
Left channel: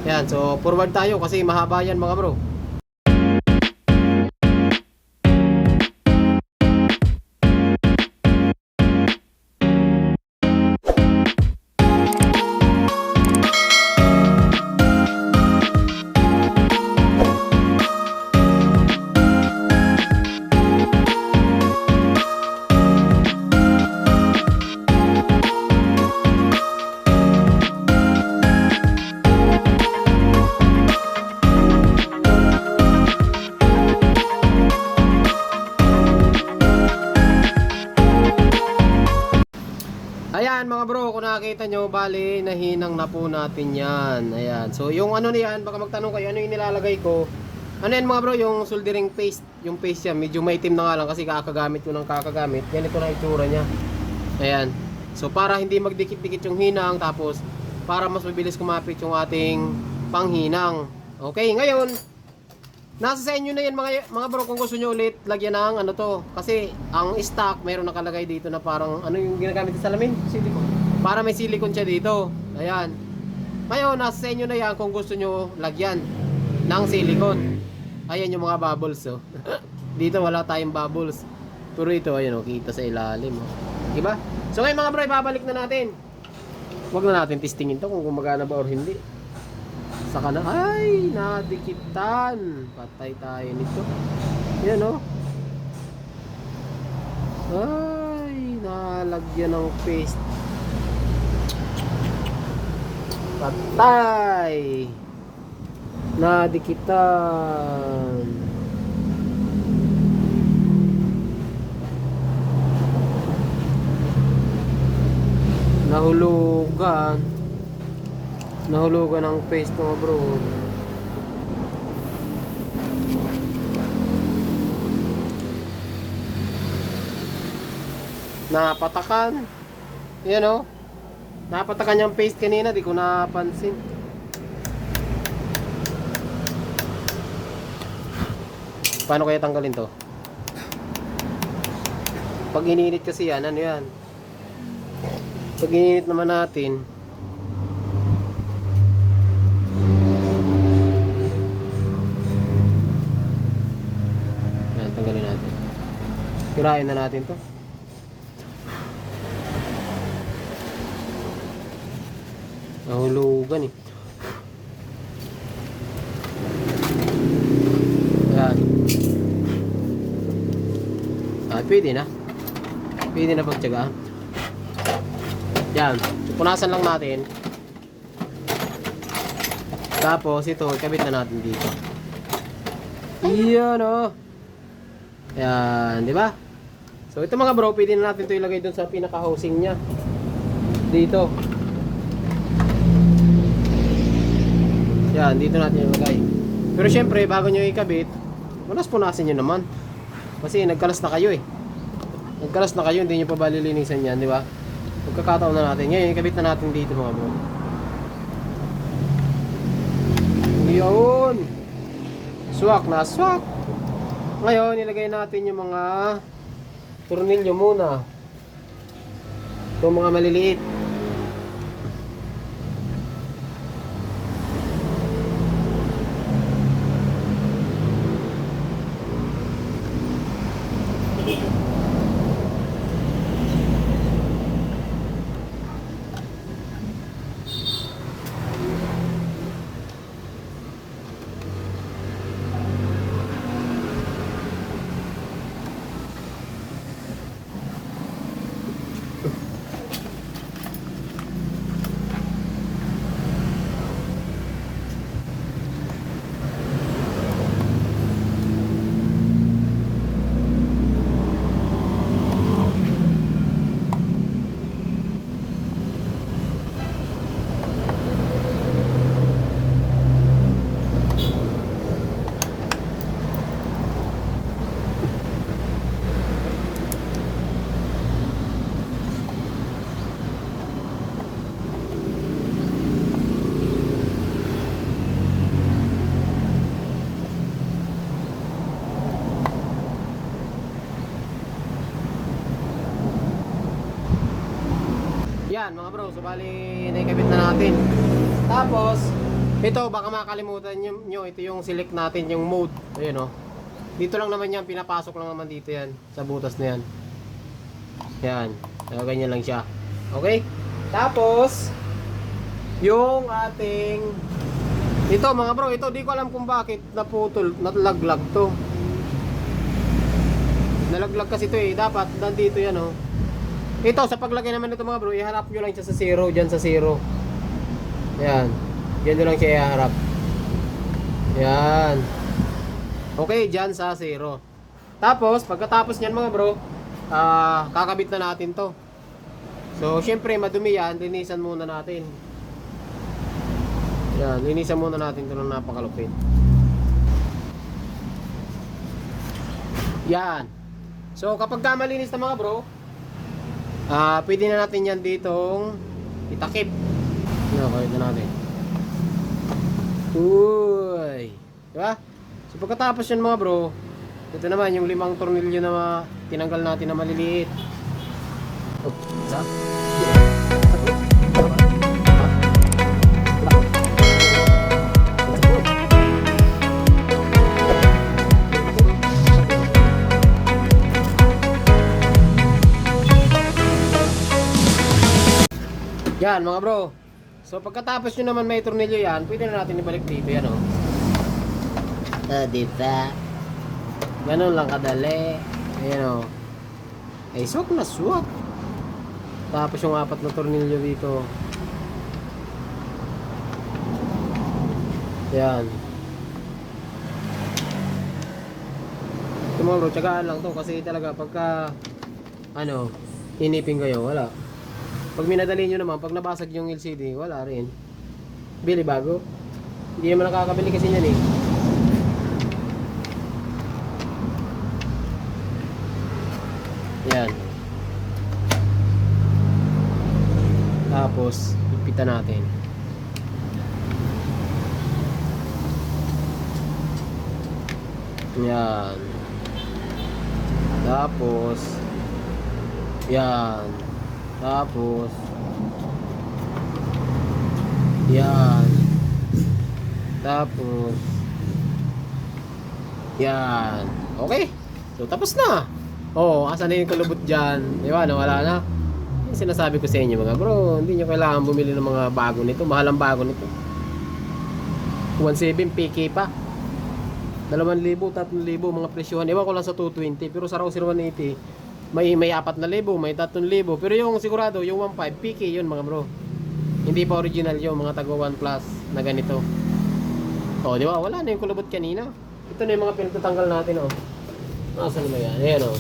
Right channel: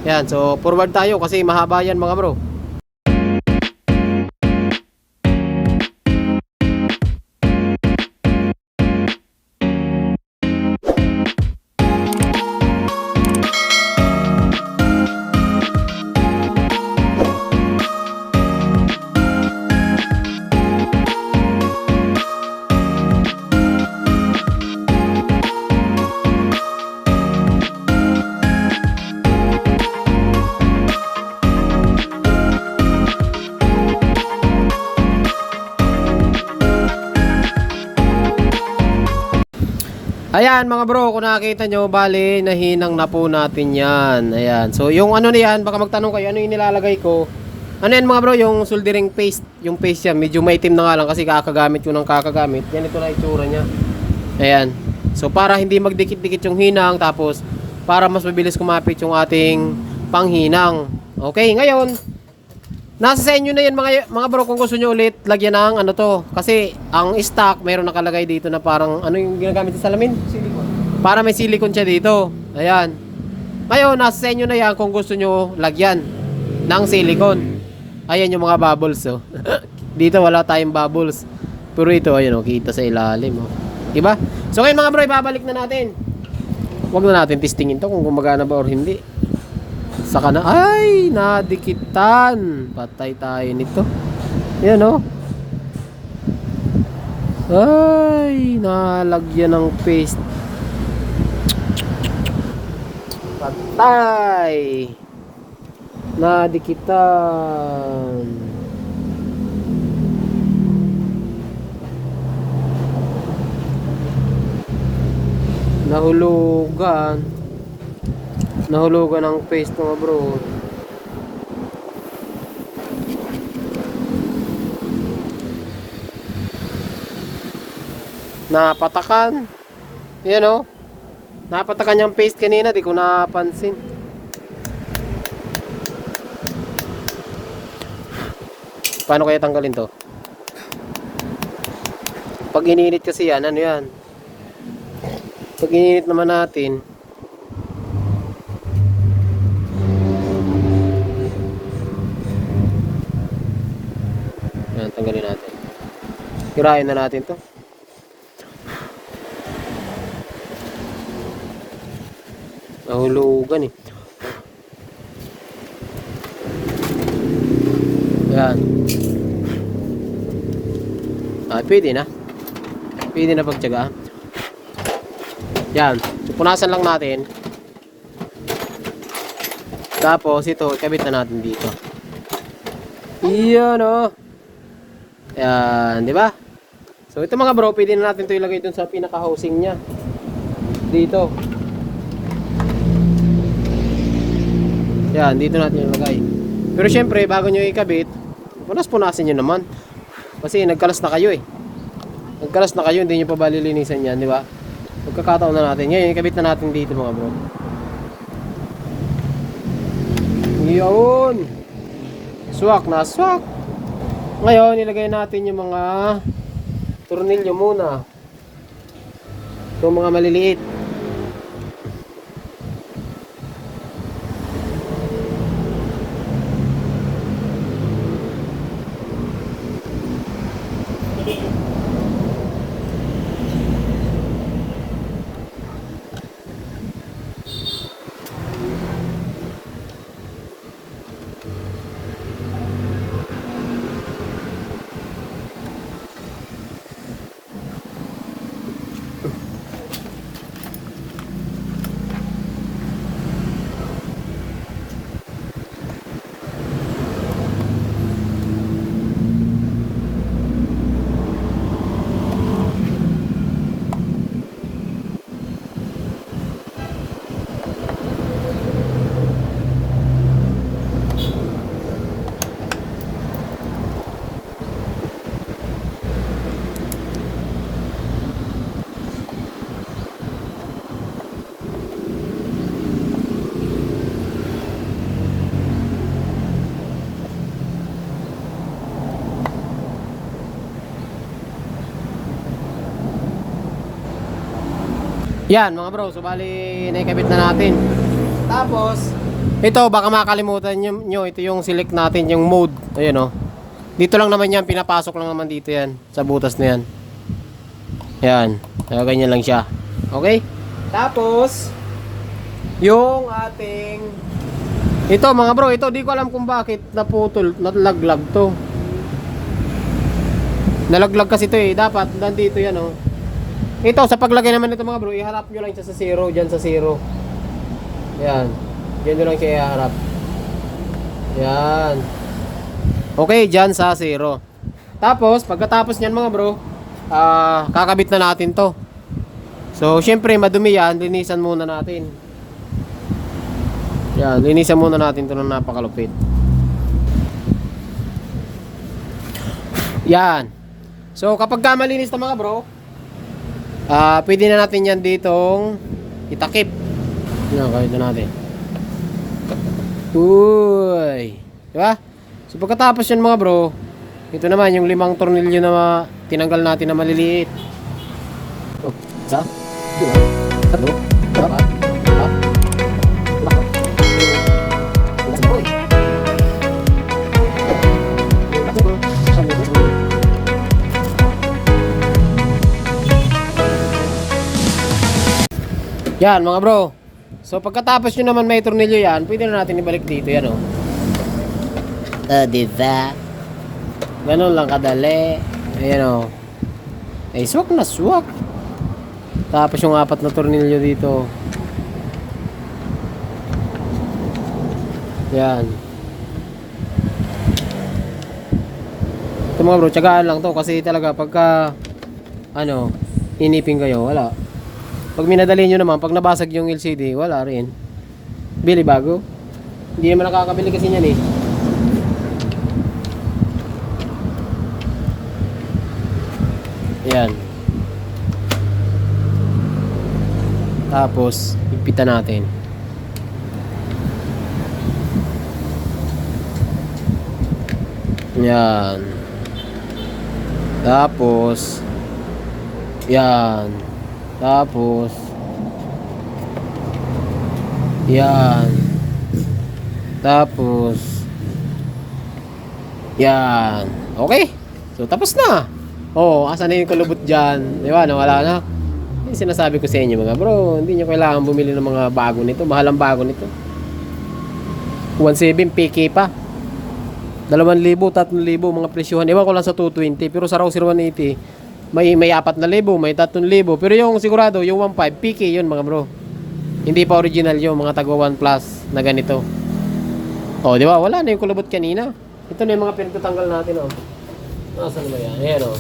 Yan, so forward tayo kasi mahaba yan mga bro. Ayan mga bro, kung nakakita nyo, bali, nahinang na po natin yan. Ayan. So yung ano na yan, baka magtanong kayo, ano yung nilalagay ko? Ano yan mga bro, yung soldering paste. Yung paste yan, medyo maitim na nga lang kasi kakagamit ko ng kakagamit. Yan ito na itsura nya. Ayan. So para hindi magdikit-dikit yung hinang, tapos para mas mabilis kumapit yung ating panghinang. Okay, ngayon, nasa sa inyo na yan mga bro, kung gusto nyo ulit lagyan ng ano to. Kasi ang stock, meron nakalagay dito na parang, ano yung ginagamit sa salamin? Silicone. Para may silicone siya dito. Ayan. Ngayon, nasa sa inyo na yan kung gusto nyo lagyan ng silicone. Ayan yung mga bubbles, oh. Dito wala tayong bubbles. Pero ito, ayan, oh, kita sa ilalim, oh. Diba? So ngayon mga bro, ibabalik na natin. Huwag na natin testingin to kung gumagana ba or hindi. Saka na, ay, nadikitan. Patay tayo nito. Yan, oh. Ay, nalagyan ng paste. Patay. Nadikitan. Nahulugan. Nahulugan ng paste mga bro. Napatakan. Yan o. Napatakan yung paste kanina. Di ko napansin. Paano kaya tanggalin to? Pag ininit kasi yan, ano yan? Pag ininit naman natin, yan, tanggalin natin. Hirahin na natin to. Nahulugan eh. Yan. Ah, pwede na. Pwede na pagtsagaan. Yan. So, punasan lang natin. Tapos ito, ikabit na natin dito. Iyan o. Yan, di ba? So ito mga bro, pwede na natin ito ilagay dun sa pinaka-housing nya. Dito. Yan, dito natin ilagay. Pero syempre, bago nyo ikabit, punas-punasin nyo naman. Kasi nagkalas na kayo eh. Nagkalas na kayo, hindi nyo pa ba lilinisan yan, di ba? Pagkakataon na natin. Ngayon, ikabit na natin dito mga bro. Yun. Swak na swak. Ngayon, ilagay natin yung mga tornilyo muna. Itong mga maliliit. Yan mga bro, so bali naikabit na natin. Tapos ito baka makalimutan nyo, ito yung select natin yung mode. Ayan o. Dito lang naman yan, pinapasok lang naman dito yan sa butas na yan. Yan, ganyan lang siya. Okay? Tapos yung ating ito mga bro, ito di ko alam kung bakit naputol, nalaglag to. Nalaglag kasi ito eh, dapat nandito yan o. Ito, sa paglagay naman nito mga bro, iharap nyo lang siya sa 0, dyan sa 0. Yan. Dyan nyo lang siya iharap. Yan. Okay, dyan sa 0. Tapos, pagkatapos nyan mga bro, kakabit na natin to. So, syempre, madumi yan. Linisan muna natin. Yan, linisan muna natin ito ng napakalupit. Yan. So, kapag ka malinis na mga bro, pwede na natin yan ditong itakip. Yan, kaya na natin. Uy. Diba? So, pagkatapos yun mga bro, ito naman yung 5 tornilyo na tinanggal natin na maliliit. Oh, sa? Yan mga bro. So pagkatapos nyo naman may tornilyo yan, pwede na natin ibalik dito yan oh. Diba? Ganun lang kadali. Ayan oh. Ay swak na swak. Tapos yung 4 na tornilyo dito. Yan. Ito mga bro, tsagaan lang to kasi talaga pagka inipin kayo, wala. Pag minadali nyo naman, pag nabasag yung LCD, wala rin. Bili bago. Hindi naman nakakabili kasi niyan eh. Yan. Tapos, ipitan natin. Yan. Tapos, yan. Tapos, yan. Tapos, yan. Okay. So, tapos na. Oh, asan na yung kulubot dyan? Di ba? Nawala na. Yung sinasabi ko sa inyo mga bro, hindi nyo kailangan bumili ng mga bago nito. Mahal ang bago nito. 1.7 PK pa. 2,000, 3,000 mga presyohan. Ewan ko lang sa 220. Pero sa Rouser 180, may 4,000, may 3,000. Pero yung sigurado, yung 1.5 PK yun mga bro. Hindi pa original yung mga tagwa 1 Plus na ganito. Oh, di ba? Wala na yung kulubot kanina. Ito na yung mga pinagtatanggal natin oh. Nasaan ba yan? Ayan oh.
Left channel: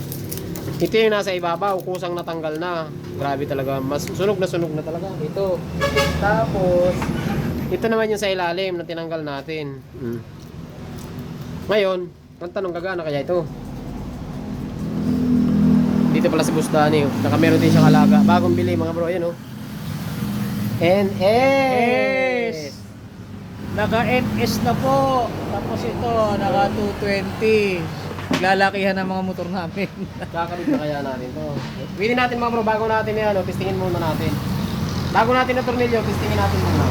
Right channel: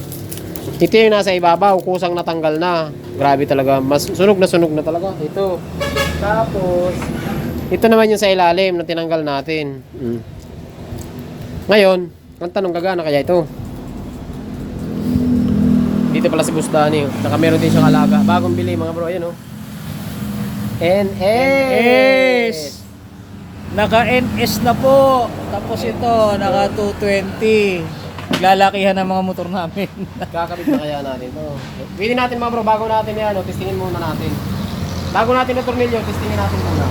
Ito yung nasa ibabaw, kusang natanggal na. Grabe talaga, mas sunog na talaga. Ito. Tapos, ito naman yung sa ilalim na tinanggal natin. Ngayon, ang tanong gagana kaya ito? Dito pala si Bustani. Saka meron din siyang alaga. Bagong bili mga bro. Ayan oh. NS! Naka-NS na po. Tapos ito, naka 220. Lalakihan ng mga motor namin. Kakabit na kaya natin ito. Pwede natin mga bro, bago natin yan, testingin muna natin. Bago natin na tornilyo, testingin natin muna.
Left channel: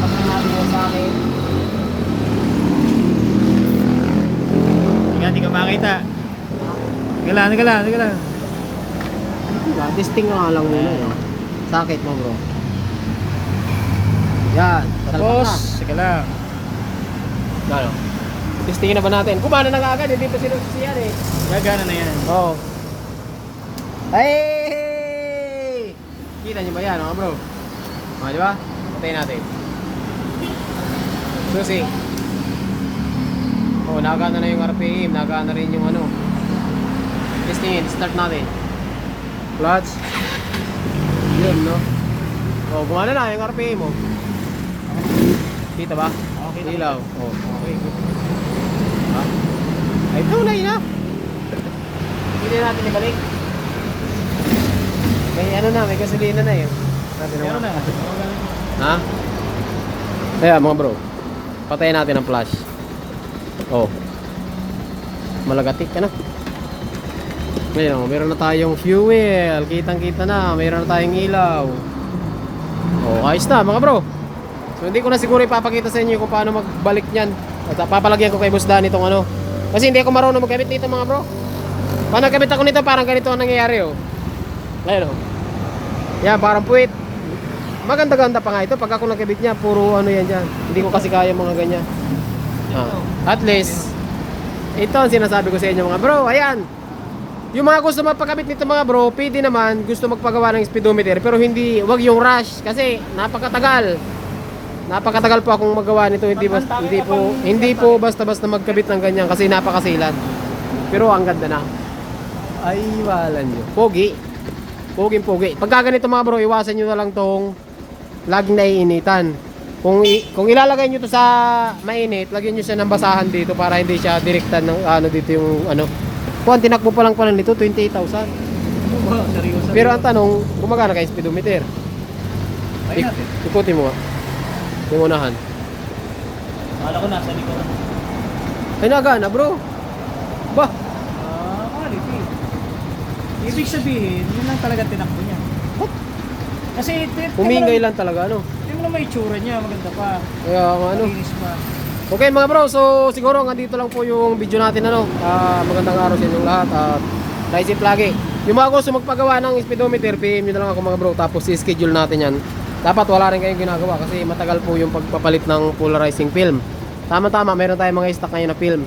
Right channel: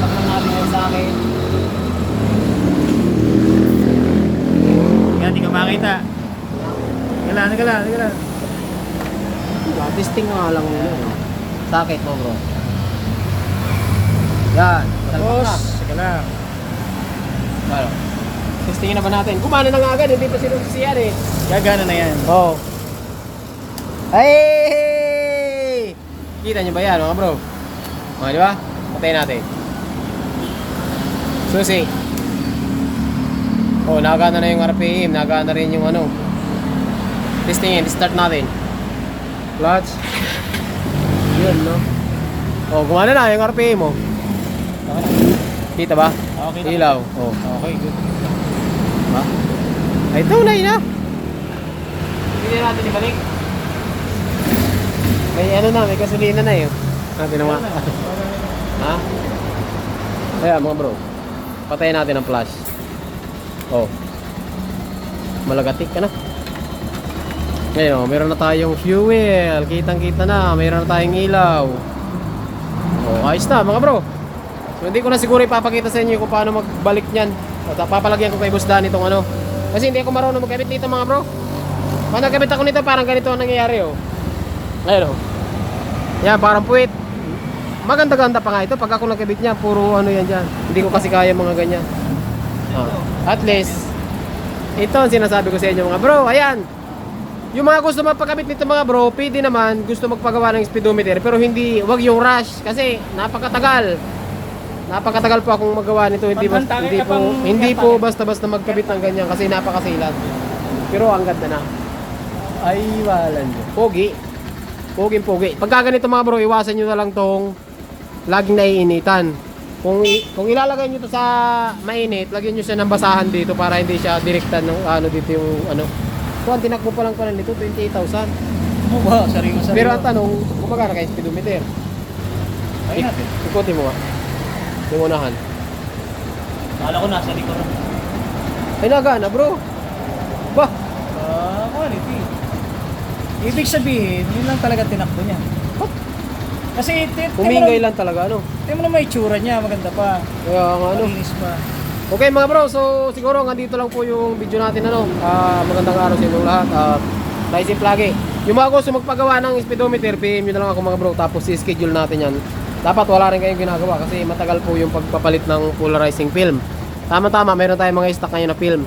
Tapos natin yung sa akin. Yan, di ka makita. Sige lang. Testing nga lang muna eh. Sakit mo bro. Yan. Tapos, sige lang. Ano? Testingin na ba natin? Kumana na nga agad, hindi pa sinusisiyan eh. Gagana na yan. Oo. Hey! Kita nyo ba yan mga bro? O, di ba? Patayin natin. Susi. Oh, nagana na yung RPM, nagana rin yung ano. Testingin, start natin. Clutch. Yun, no? Oh, gumana na yung RPM mo. Kita ba? Okay. Ilaw. Oh. Okay, good. Ay, tunay na. Hindi natin ibalik. May ano na, may gasolina na eh. Natin naman. Ha? Kaya mga bro, patayin natin ang flash. Oh. Malagatik ka na. Ngayon, meron na tayong fuel. Kitang-kita na. Meron na tayong ilaw. Oh, ayos na mga bro. So, hindi ko na siguro ipapakita sa inyo kung paano magbalik niyan. At papalagyan ko kay Boss Dan itong ano. Kasi hindi ako marunong magkabit nito mga bro. Pag nagkabit ako nito, parang ganito ang nangyayari oh. Ngayon oh. Yan, parang puwit. Maganda-ganda pa nga ito. Pag ako nagkabit niya, puro ano yan dyan. Hindi ko kasi kaya mga ganyan. Oh. At least, ito ang sinasabi ko sa inyo mga bro. Ayan. Yung mga gusto magpakabit nito mga bro, pwede naman gusto magpagawa ng speedometer. Pero hindi, wag yung rush. Kasi napakatagal. Napakatagal po akong magawa nito. Hindi po basta-basta magkabit ng ganyan kasi napakasilan. Pero ang ganda na. Ay, walan nyo. Pogi. Pogi. Pagka ganito mga bro, iwasan nyo na lang tong laging naiinitan. Kung ilalagay nyo to sa mainit, lagyan nyo siya ng basahan dito para hindi siya direktan ng ano dito yung ano. Kung tinakbo pa lang pala nito, 28,000. Wow, seryoso. Pero ang tanong, kung magkano kayo speedometer? Ay natin. Ikutin mo nga. Yung unahan. Kala ko nasa likuran. Ay, nagana bro. Bah, Quality. Ibig sabihin, yun lang talaga tinakbo niya. Kasi humingay lang talaga ano. Tingnan mo naman yung itsura niya, maganda pa. Kaya nga ano. Malinis pa. Okay mga bro, so siguro nandito lang po yung video natin ano. Magandang araw sa inyong lahat at naisip lagi. Yung mga gusto magpagawa ng speedometer, PM nyo na lang ako mga bro, tapos i-schedule natin yan. Dapat wala rin kayong ginagawa kasi matagal po yung pagpapalit ng polarizing film. Tama-tama, meron tayong mga stock ngayon na film.